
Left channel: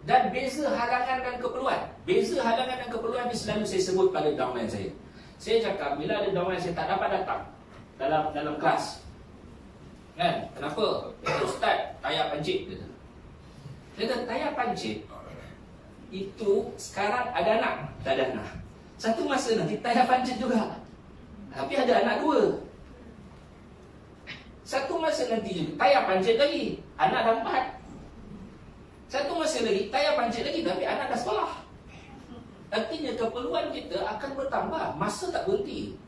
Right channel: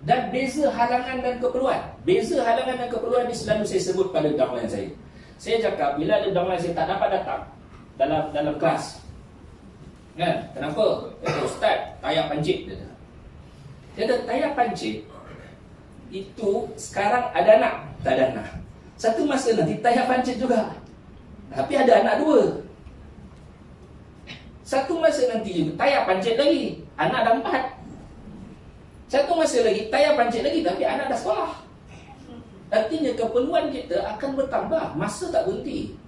Dan beza halangan dan keperluan. Beza halangan dan keperluan ni selalu saya sebut pada downline saya. Saya cakap bila ada downline saya tak dapat datang dalam kelas. Kan? Kenapa? Ustaz, tayak pancit dia. Dia kata tayak pancit itu sekarang ada anak, tak ada anak. Satu masa nanti tayak pancit juga. Tapi ada anak 2. Satu masa nanti juga tayak pancit lagi, anak dah 4. Satu masa lagi tayak pancit lagi, tapi anak dah sekolah. Artinya keperluan kita akan bertambah. Masa tak berhenti.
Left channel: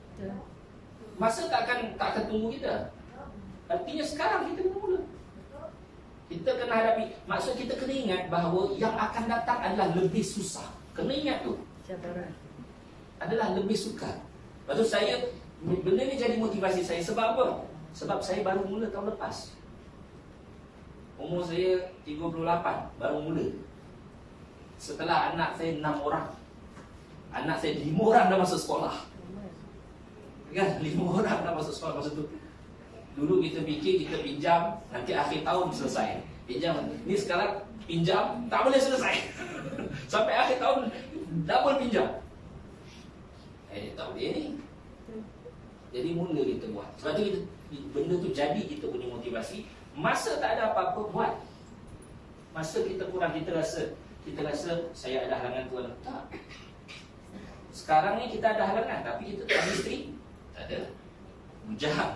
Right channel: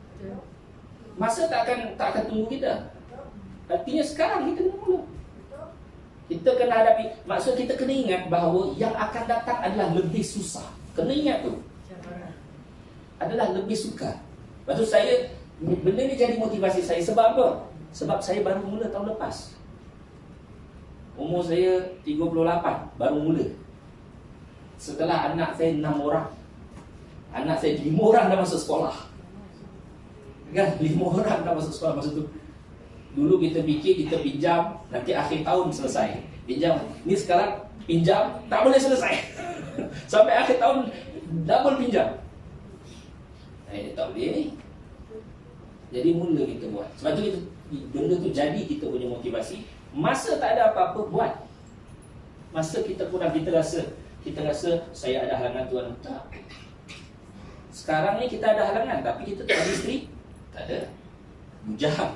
Masa tak akan tunggu kita. Artinya sekarang kita mula. Kita kena hadapi. Maksud kita kena ingat bahawa yang akan datang adalah lebih susah. Kena ingat tu. Adalah lebih sukar. Lepas tu saya, benda ni jadi motivasi saya. Sebab apa? Sebab saya baru mula tahun lepas. Umur saya 38, baru mula. Setelah anak saya 6 orang. Anak saya 5 orang dah masuk sekolah. Kan? 5 orang dah masuk sekolah masa tu. Dulu kita fikir kita pinjam, nanti akhir tahun selesai. Pinjam. Ni sekarang pinjam, tak boleh selesai. Sampai akhir tahun, double pinjam. Tak boleh ni. Jadi mula kita buat. Sebab tu benda tu jadi kita punya motivasi. Masa tak ada apa-apa, buat. Masa kita kurang, kita rasa saya ada halangan Tuhan. Tak. Sekarang ni kita ada halangan, tapi kita tak ada isteri. Tak ada. Mujaham.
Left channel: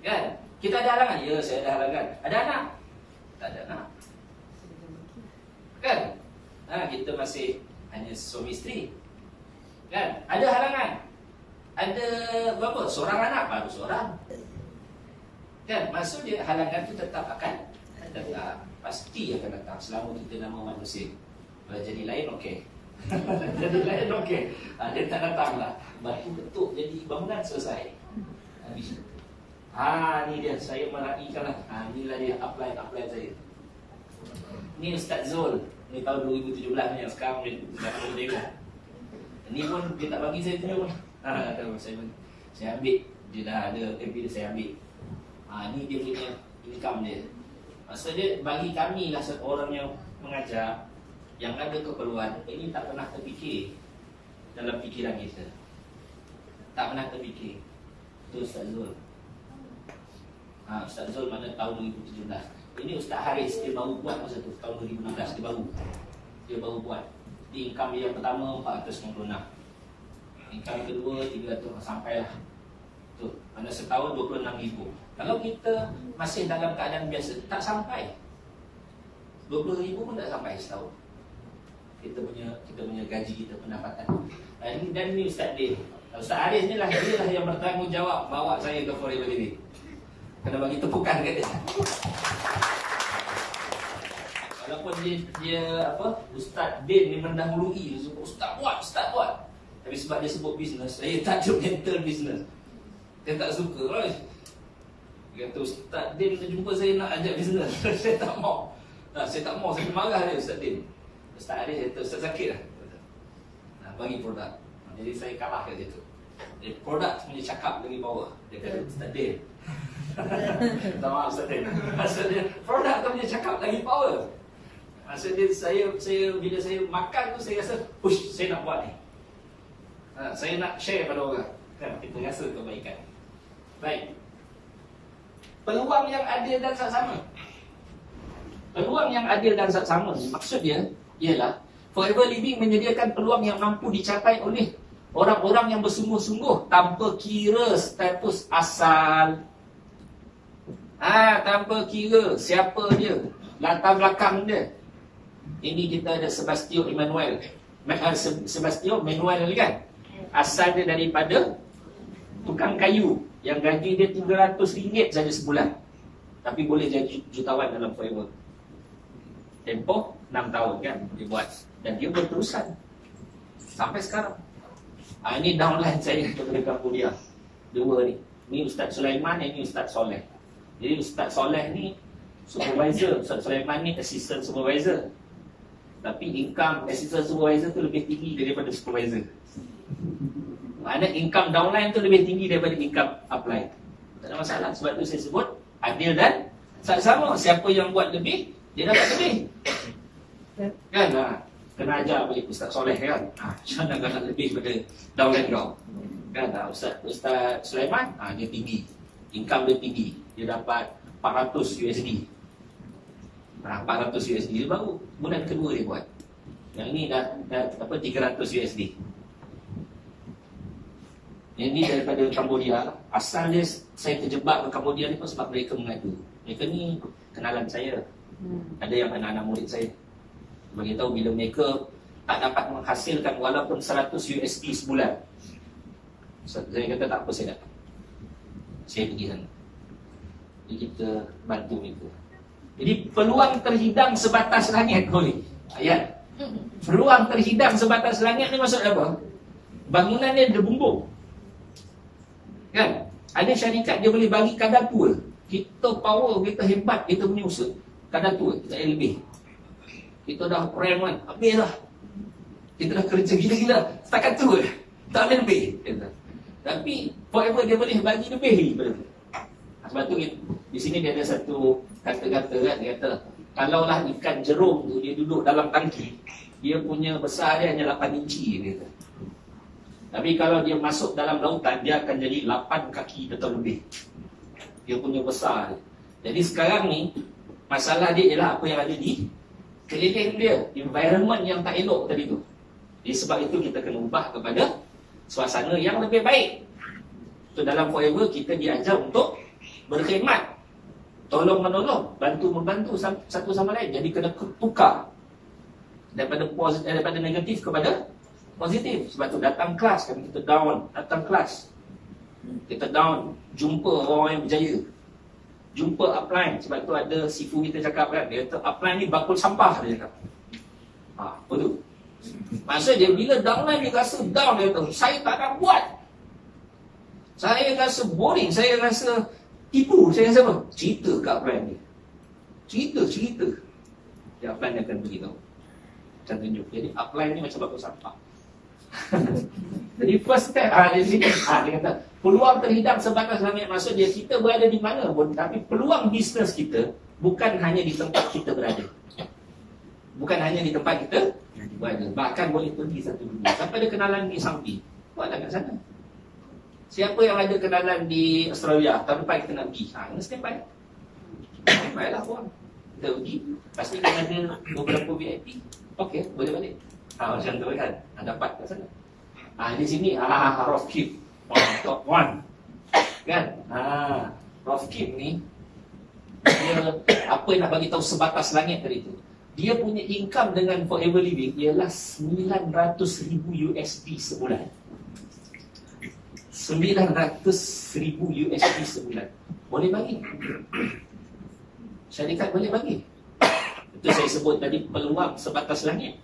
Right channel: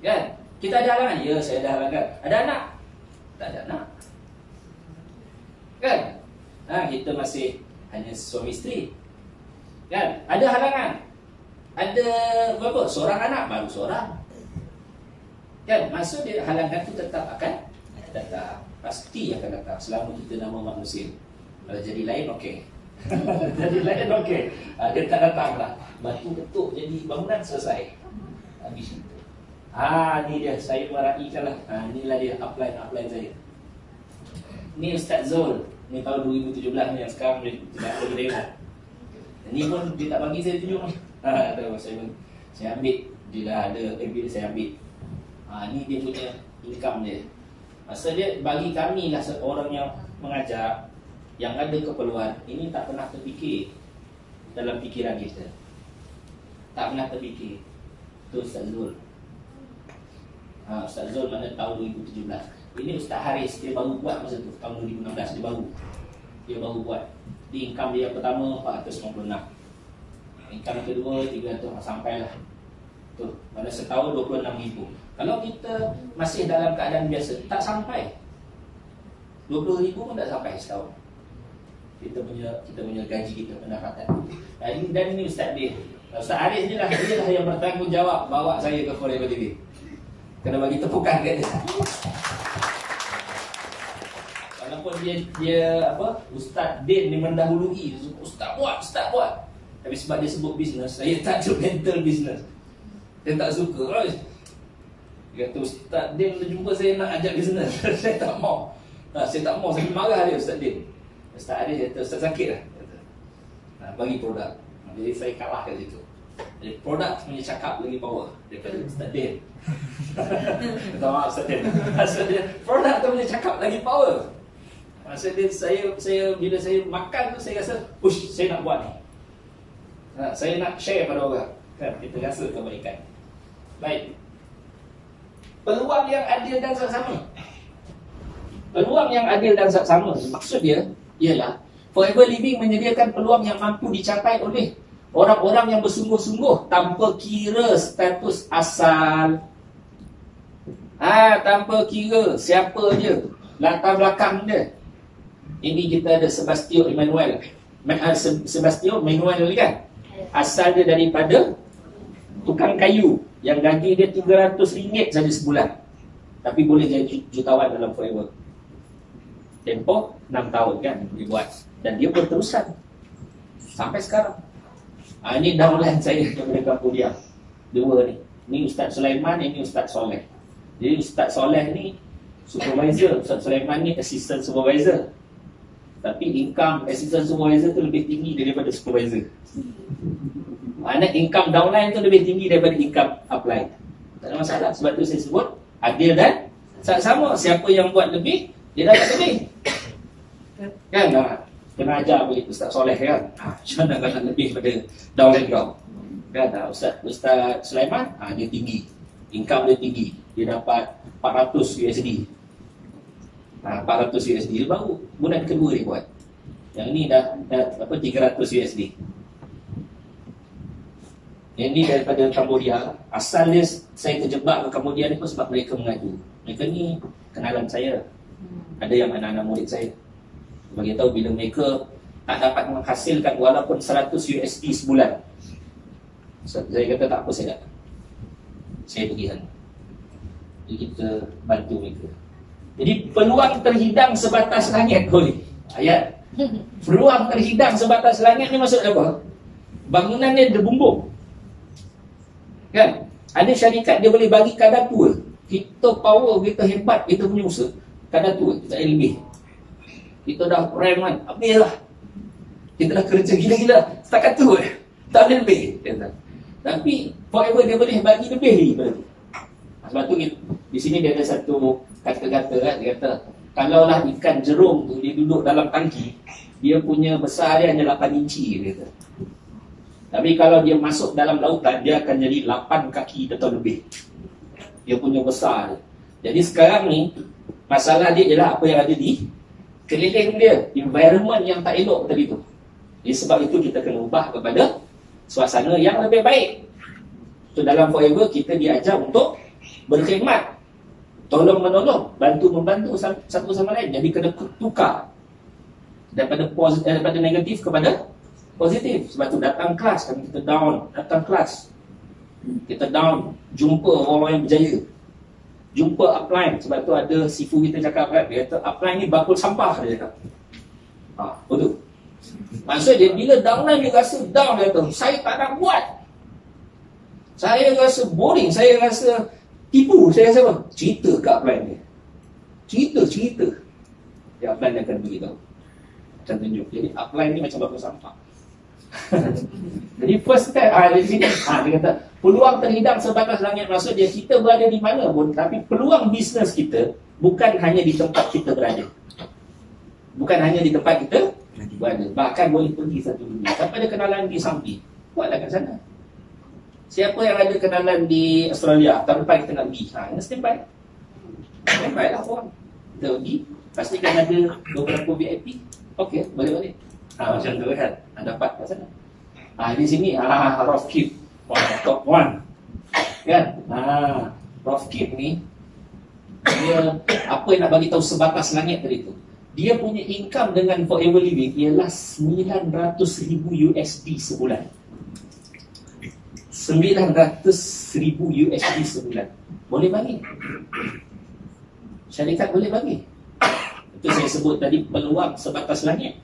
Kan? Kita ada halangan. Ya, saya ada halangan. Ada anak? Tak ada anak. Kan? Kita masih hanya suami isteri. Kan? Ada halangan. Ada berapa? Seorang anak, baru seorang. Kan? Maksud dia halangan tu tetap akan datang. Pasti akan datang selama kita nama manusia. Kalau jadi lain, okey. Jadi lain, okey. Dia tak datang lah. Batu ketuk jadi bangunan, selesai. Habis itu. Ni dia, saya meraihkan lah. Inilah dia upline saya. Ni Ustaz Zul. Ni tahun 2017 ni yang sekarang dia tak boleh tengok. Ni pun dia tak bagi saya tunjuk lah. Saya ambil. Dia dah ada MB saya ambil. Ni dia punya income dia. Maksud dia bagi kami lah seorang yang mengajar, yang ada keperluan, ini tak pernah terfikir dalam fikiran kita. Tak pernah terfikir. Itu Ustaz Zul. Ustaz Zul mana tahun 2017. Ini Ustaz Haris, dia baru buat masa tu, tahun 2016 dia baru buat. Di income dia yang pertama 496. Income yang kedua 300, sampailah tu. Mana setahun 26,000. Kalau kita masih dalam keadaan biasa, tak sampai 20,000 pun tak sampai setahun. Kita punya gaji, kita pendapatan. Dan ini Ustaz dia, Ustaz Haris ni lah, dia lah yang bertanggungjawab bawa saya ke Forever TV. Kena bagi tepukan kat dia. Walaupun dia Ustaz Din ni mendahului, Ustaz buat. Tapi sebab dia sebut bisnes, saya tak ada mental bisnes. Dia tak suka. Dia kata Ustaz Din jumpa saya nak ajak bisnes. Saya tak mau. Saya tak mau, saya marah dia Ustaz Din. Ustaz Din kata, Ustaz sakit lah. Bagi produk. Jadi saya kalah kat situ. Jadi produk punya cakap lagi power. Dia kata, Ustaz Din. Minta maaf Ustaz Din. Maksudnya produk tu punya cakap lagi power. Maksudnya saya bila saya makan tu saya rasa, push, saya nak buat ni. Saya nak share pada orang. Kita rasa kebaikan. Baik. Peluang yang adil dan saksama. Peluang yang adil dan saksama maksud dia ialah Forever Living menyediakan peluang yang mampu dicapai oleh orang-orang yang bersungguh-sungguh tanpa kira status asal. Tanpa kira siapa dia, latar belakang dia. Ini kita ada Sebastian Manuel ni kan. Asal dia daripada tukang kayu yang gaji dia RM300 saja sebulan, tapi boleh jadi jutawan dalam Forever. Tempoh 6 tahun kan dia buat, dan dia berterusan sampai sekarang. Ini downline saya daripada Cambodia. Dua ni. Ni Ustaz Sulaiman, ini Ustaz Soleh. Jadi Ustaz Soleh ni supervisor, Ustaz Sulaiman ni assistant supervisor. Tapi income assistant supervisor tu lebih tinggi daripada supervisor. Mana income downline tu lebih tinggi daripada income upline. Tak ada masalah. Sebab tu saya sebut adil dan sama. Siapa yang buat lebih, dia dapat lebih. Kan lah. Kena ajar balik Ustaz Soleh kan. Macam mana nak lebih pada downline kau. Kan Ustaz Sulaiman, dia tinggi. Income dia tinggi. Dia dapat 400 USD. 400 USD baru bulan kedua dia buat. Yang ni dah 300 USD. Yang ni daripada Cambodia. Asalnya saya terjebak ke Cambodia ni pun sebab mereka mengadu. Mereka ni kenalan saya. Ada yang anak-anak murid saya. Bagi tahu bila mereka tak dapat menghasilkan walaupun 100 USD sebulan. Saya kata tak apa, saya datang. Saya pergi sana. Jadi kita bantu mereka. Jadi peluang terhidang sebatas langit boleh. Ayat. Peluang terhidang sebatas langit ni maksud apa? Bangunan dia ada bumbung. Kan? Ada syarikat dia boleh bagi kadar tua. Kita power, kita hebat, kita punya usaha. Kadar tua, kita ada lebih. Kita dah rank kan, habis lah. Kita dah kerja gila-gila, setakat tu tak ada lebih. Tapi forever dia boleh bagi lebih daripada tu. Sebab tu di sini dia ada satu kata-kata kan. Dia kata, kalaulah ikan jerung tu dia duduk dalam tangki, dia punya besar dia hanya 8 inci dia kata. Tapi kalau dia masuk dalam lautan, dia akan jadi 8 kaki atau lebih. Dia punya besar. Jadi sekarang ni, masalah dia ialah apa yang ada di keliling dia. Environment yang tak elok tadi tu. Jadi sebab itu kita kena ubah kepada suasana yang lebih baik. So dalam Forever, kita diajar untuk berkhidmat, tolong-menolong, bantu-membantu satu sama lain. Jadi kena tukar daripada negatif kepada positif. Sebab tu datang kelas, kami kita down. Datang kelas, kita down, jumpa orang yang berjaya, jumpa upline. Sebab tu ada sifu kita cakap kan, dia kata upline ni bakul sampah, dia cakap. Betul. Maksud dia bila downline dia rasa down, dia kata saya tak nak buat, saya rasa boring, saya rasa tipu, saya rasa apa? Cerita kat upline dia, cerita ya, upline dia akan beritahu macam tunjuk. Jadi upline ni macam bakul sampah. Jadi first step di sini dia kata peluang terhidang sebatas langit. Maksud dia kita berada di mana pun, tapi peluang bisnes kita bukan hanya di tempat kita berada. Bukan hanya di tempat kita berada. Bahkan boleh pergi satu dunia. Siapa ada kenalan di Saudi, buatlah kat sana. Siapa yang ada kenalan di Australia, tahun depan kita nak pergi, standby. Standby lah pun. Kita pergi, pastikan ada beberapa VIP. Okey, boleh balik. Macam tu kan, dapat kat sana. Di sini Rofkip top 1 kan. Rofkip ni dia apa yang nak bagi tahu sebatas langit tadi tu. Dia punya income dengan Forever Living ialah 900,000 USD sebulan. 900,000 USD sebulan. Boleh bagi. Syarikat boleh bagi. Itu saya sebut tadi peluang sebatas langit.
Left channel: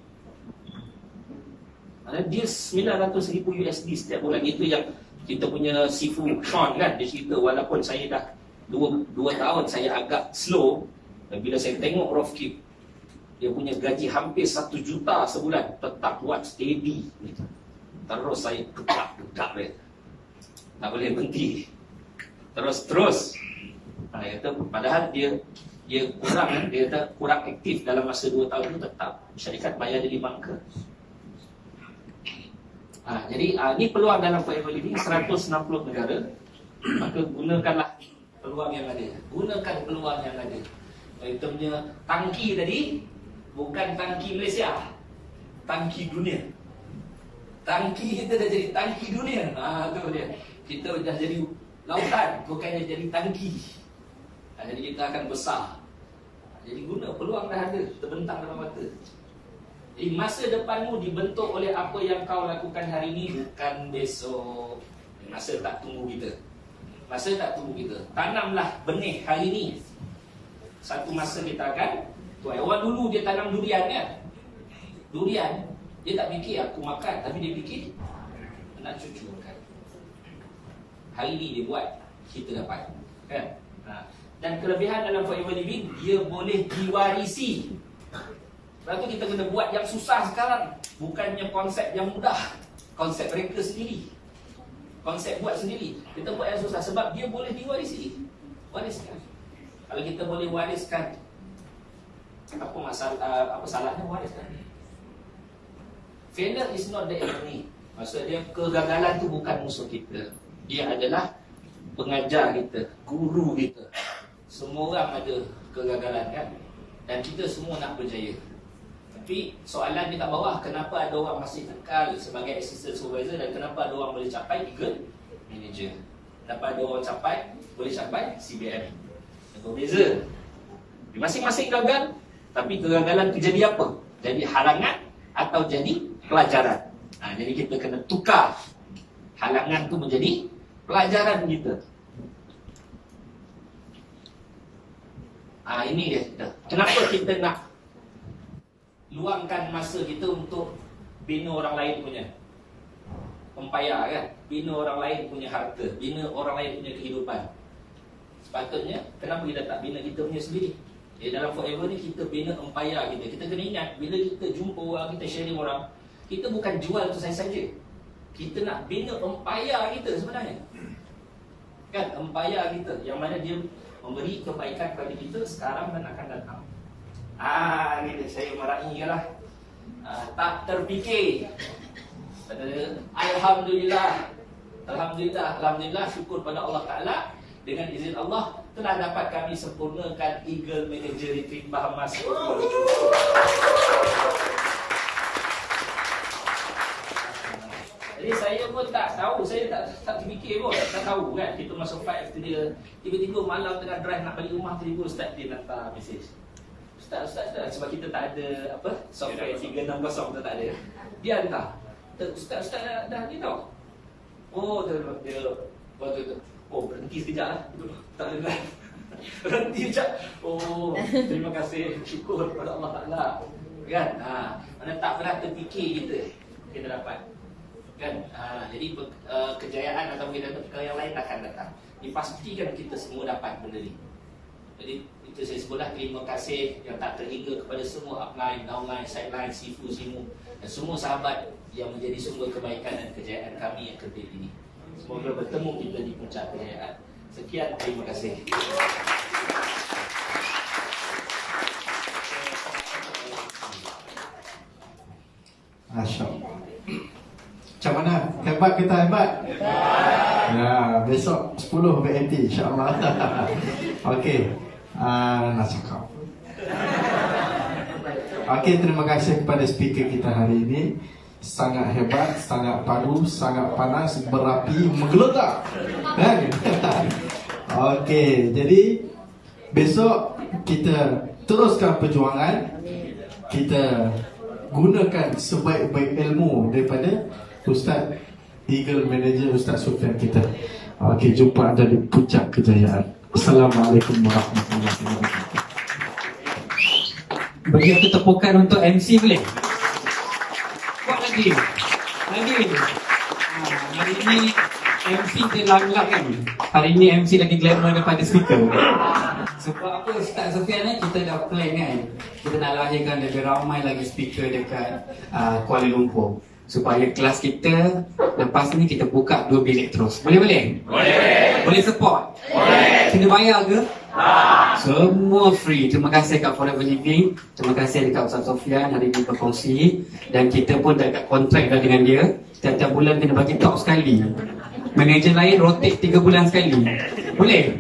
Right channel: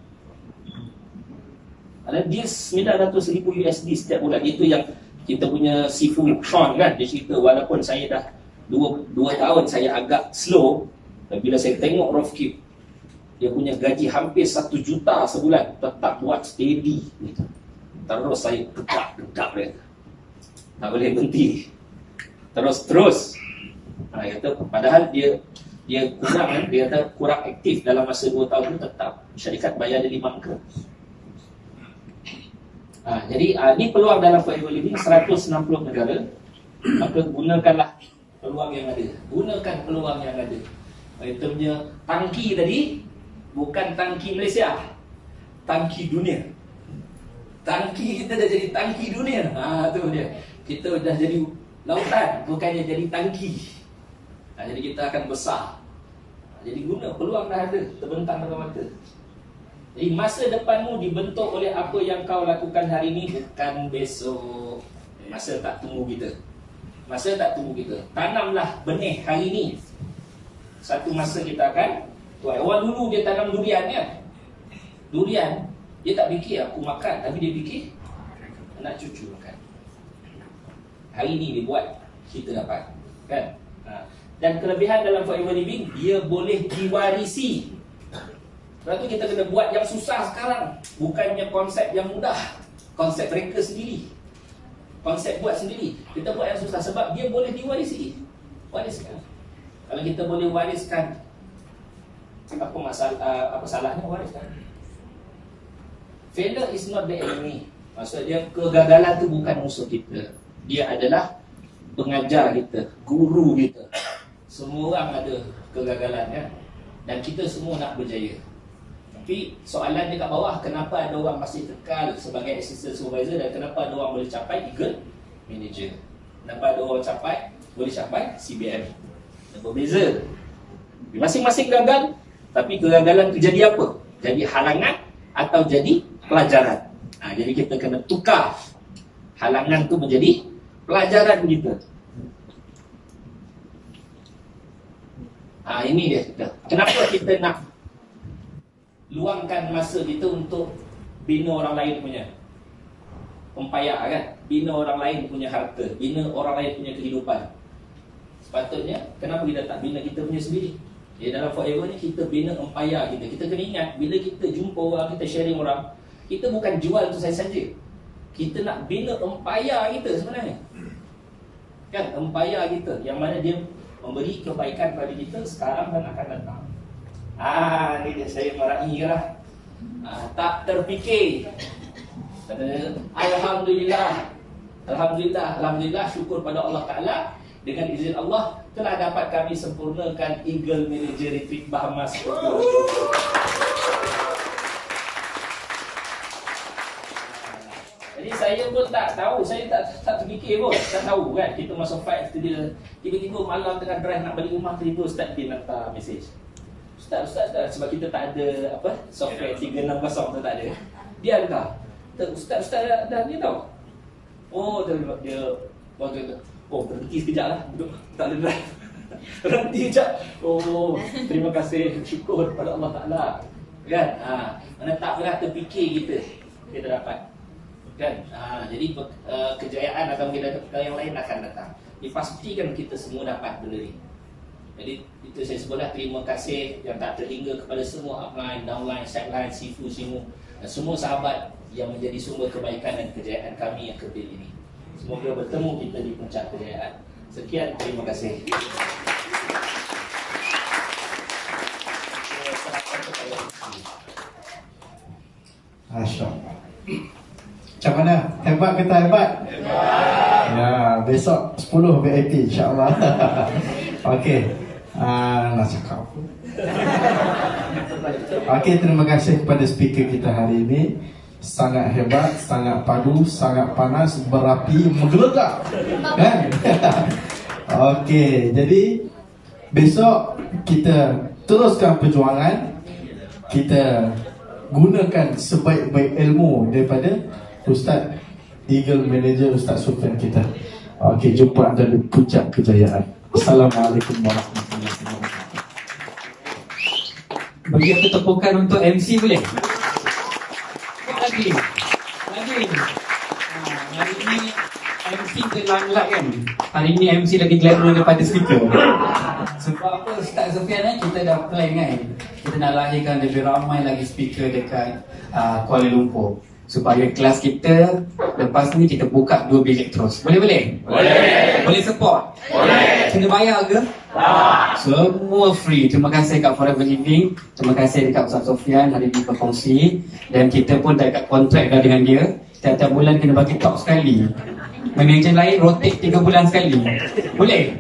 Ada dia 900,000 USD setiap bulan. Itu yang kita punya Sifu Sean kan, dia cerita walaupun saya dah 2 tahun saya agak slow, dan bila saya tengok Rofkip dia punya gaji hampir 1 juta sebulan, tetap buat steady gitu. Terus saya tegak dia, tak boleh berhenti, terus. Dia kata padahal dia kurang, dia kata kurang aktif dalam masa 2 tahun itu, tetap syarikat bayar dia 5 angka. Jadi ini peluang dalam Forever Living 160 negara. Maka gunakanlah peluang yang ada. Gunakan peluang yang ada. Kita punya tangki tadi bukan tangki Malaysia, tangki dunia. Tangki kita dah jadi tangki dunia. Tu dia. Kita dah jadi lautan, bukannya jadi tangki. Jadi kita akan besar. Jadi guna peluang dah ada, terbentang depan mata. Jadi masa depanmu dibentuk oleh apa yang kau lakukan hari ini, bukan besok. Masa tak tunggu kita. Tanamlah benih hari ini. Satu masa kita akan tuai. Orang dulu dia tanam durian kan. Durian, dia tak fikir aku makan, tapi dia fikir anak cucu makan. Hari ini dia buat, kita dapat. Kan? Dan kelebihan dalam Forever Living, dia boleh diwarisi. Lepas tu kita kena buat yang susah sekarang. Bukannya konsep yang mudah. Konsep mereka sendiri. Konsep buat sendiri. Kita buat yang susah sebab dia boleh diwarisi. Wariskan. Kalau kita boleh wariskan, apa salahnya wariskan? Failure is not the enemy. Maksudnya kegagalan tu bukan musuh kita. Dia adalah pengajar kita, guru kita. Semua orang ada kegagalan kan. Dan kita semua nak berjaya. Tapi soalan dia kat bawah, kenapa ada orang masih kekal sebagai assistant supervisor dan kenapa ada orang boleh capai eagle manager? Kenapa ada orang boleh capai CBM? Dan berbeza. Masing-masing gagal, tapi kegagalan tu jadi apa? Jadi halangan atau jadi pelajaran. Jadi kita kena tukar halangan tu menjadi pelajaran kita. Ini dia. Kenapa kita nak luangkan masa kita untuk bina orang lain punya empayar kan? Bina orang lain punya harta, bina orang lain punya kehidupan. Sepatutnya, kenapa kita tak bina kita punya sendiri? Jadi dalam Forever ni kita bina empayar kita. Kita kena ingat, bila kita jumpa orang, kita sharing orang, kita bukan jual tu saja. Kita nak bina empayar kita sebenarnya. Kan, empayar kita, yang mana dia memberi kebaikan kepada kita sekarang dan akan datang. Ni dia, saya marahi lah. Tak terfikir. Alhamdulillah, syukur pada Allah Ta'ala. Dengan izin Allah telah dapat kami sempurnakan Eagle Manager Retreat Bahamas. Jadi saya pun tak tahu, saya tak terfikir pun, tak tahu kan. Kita masuk flight, tiba-tiba malam tengah drive nak balik rumah, tiba-tiba Ustaz dia hantar mesej. Ustaz, sebab kita tak ada software 360 tu tak ada. Dia hantar. Ustaz dah ni tau. Dia berhenti sekejap lah. Tak ada drive. Berhenti sekejap. Terima kasih, syukur kepada Allah Ta'ala. Kan? Mana tak pernah terfikir kita dapat. Kan? Jadi kejayaan atau kita yang lain akan datang. Dipastikan kita semua dapat benda ni. Jadi itu saya sebutlah, terima kasih yang tak terhingga kepada semua upline, downline, sideline, sifu, simu dan semua sahabat yang menjadi sumber kebaikan dan kejayaan kami yang kecil ini. Semoga bertemu kita di puncak kejayaan. Sekian, terima kasih. Masya. Macam mana? Hebat ke tak hebat? Hebat. Ya, besok 10 VIP insya-Allah. Okey. Nak cakap. Okey, terima kasih kepada speaker kita hari ini. Sangat hebat, sangat padu, sangat panas, berapi, menggelegar. Kan? Okey, jadi besok kita teruskan perjuangan. Kita gunakan sebaik-baik ilmu daripada Ustaz Eagle Manager Ustaz Sufyan kita. Okey, jumpa anda di puncak kejayaan. Assalamualaikum warahmatullahi wabarakatuh. Bagi aku tepukan untuk MC boleh? Buat lagi. Hari ini MC dia lambat kan. Hari ini MC lagi glamour daripada speaker. Sebab apa Ustaz Sofian ni, kita dah plan kan, kita nak lahirkan lebih ramai lagi speaker dekat Kuala Lumpur, supaya kelas kita lepas ni kita buka 2 bilik terus. Boleh? Boleh support? Boleh. Kena bayar ke? Semua free. Terima kasih kat Forever Living, terima kasih dekat Ustaz Sofian hari ini berkongsi. Dan kita pun dah kat kontrak dah dengan dia, setiap bulan kena bagi talk sekali. Manager lain rotate 3 bulan sekali. Boleh?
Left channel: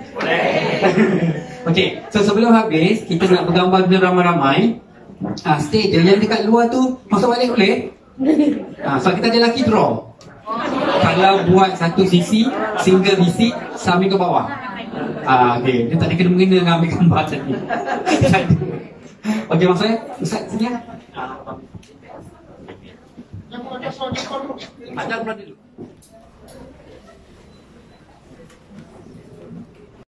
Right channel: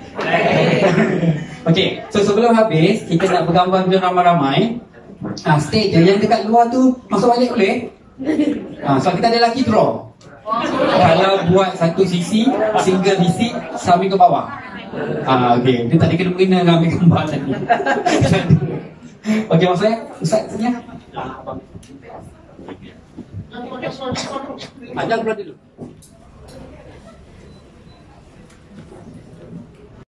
Okey, so sebelum habis kita nak bergambar dengan ramai-ramai. Stay je, yang dekat luar tu masuk balik boleh? So kita ada lucky draw. Kalau buat satu sisi, single DC sambil ke bawah. Okey, dia tak ada kena-mengena dengan ambil gambar tadi. Okey, maksudnya Ustaz sini ya. Ajar keluar dulu.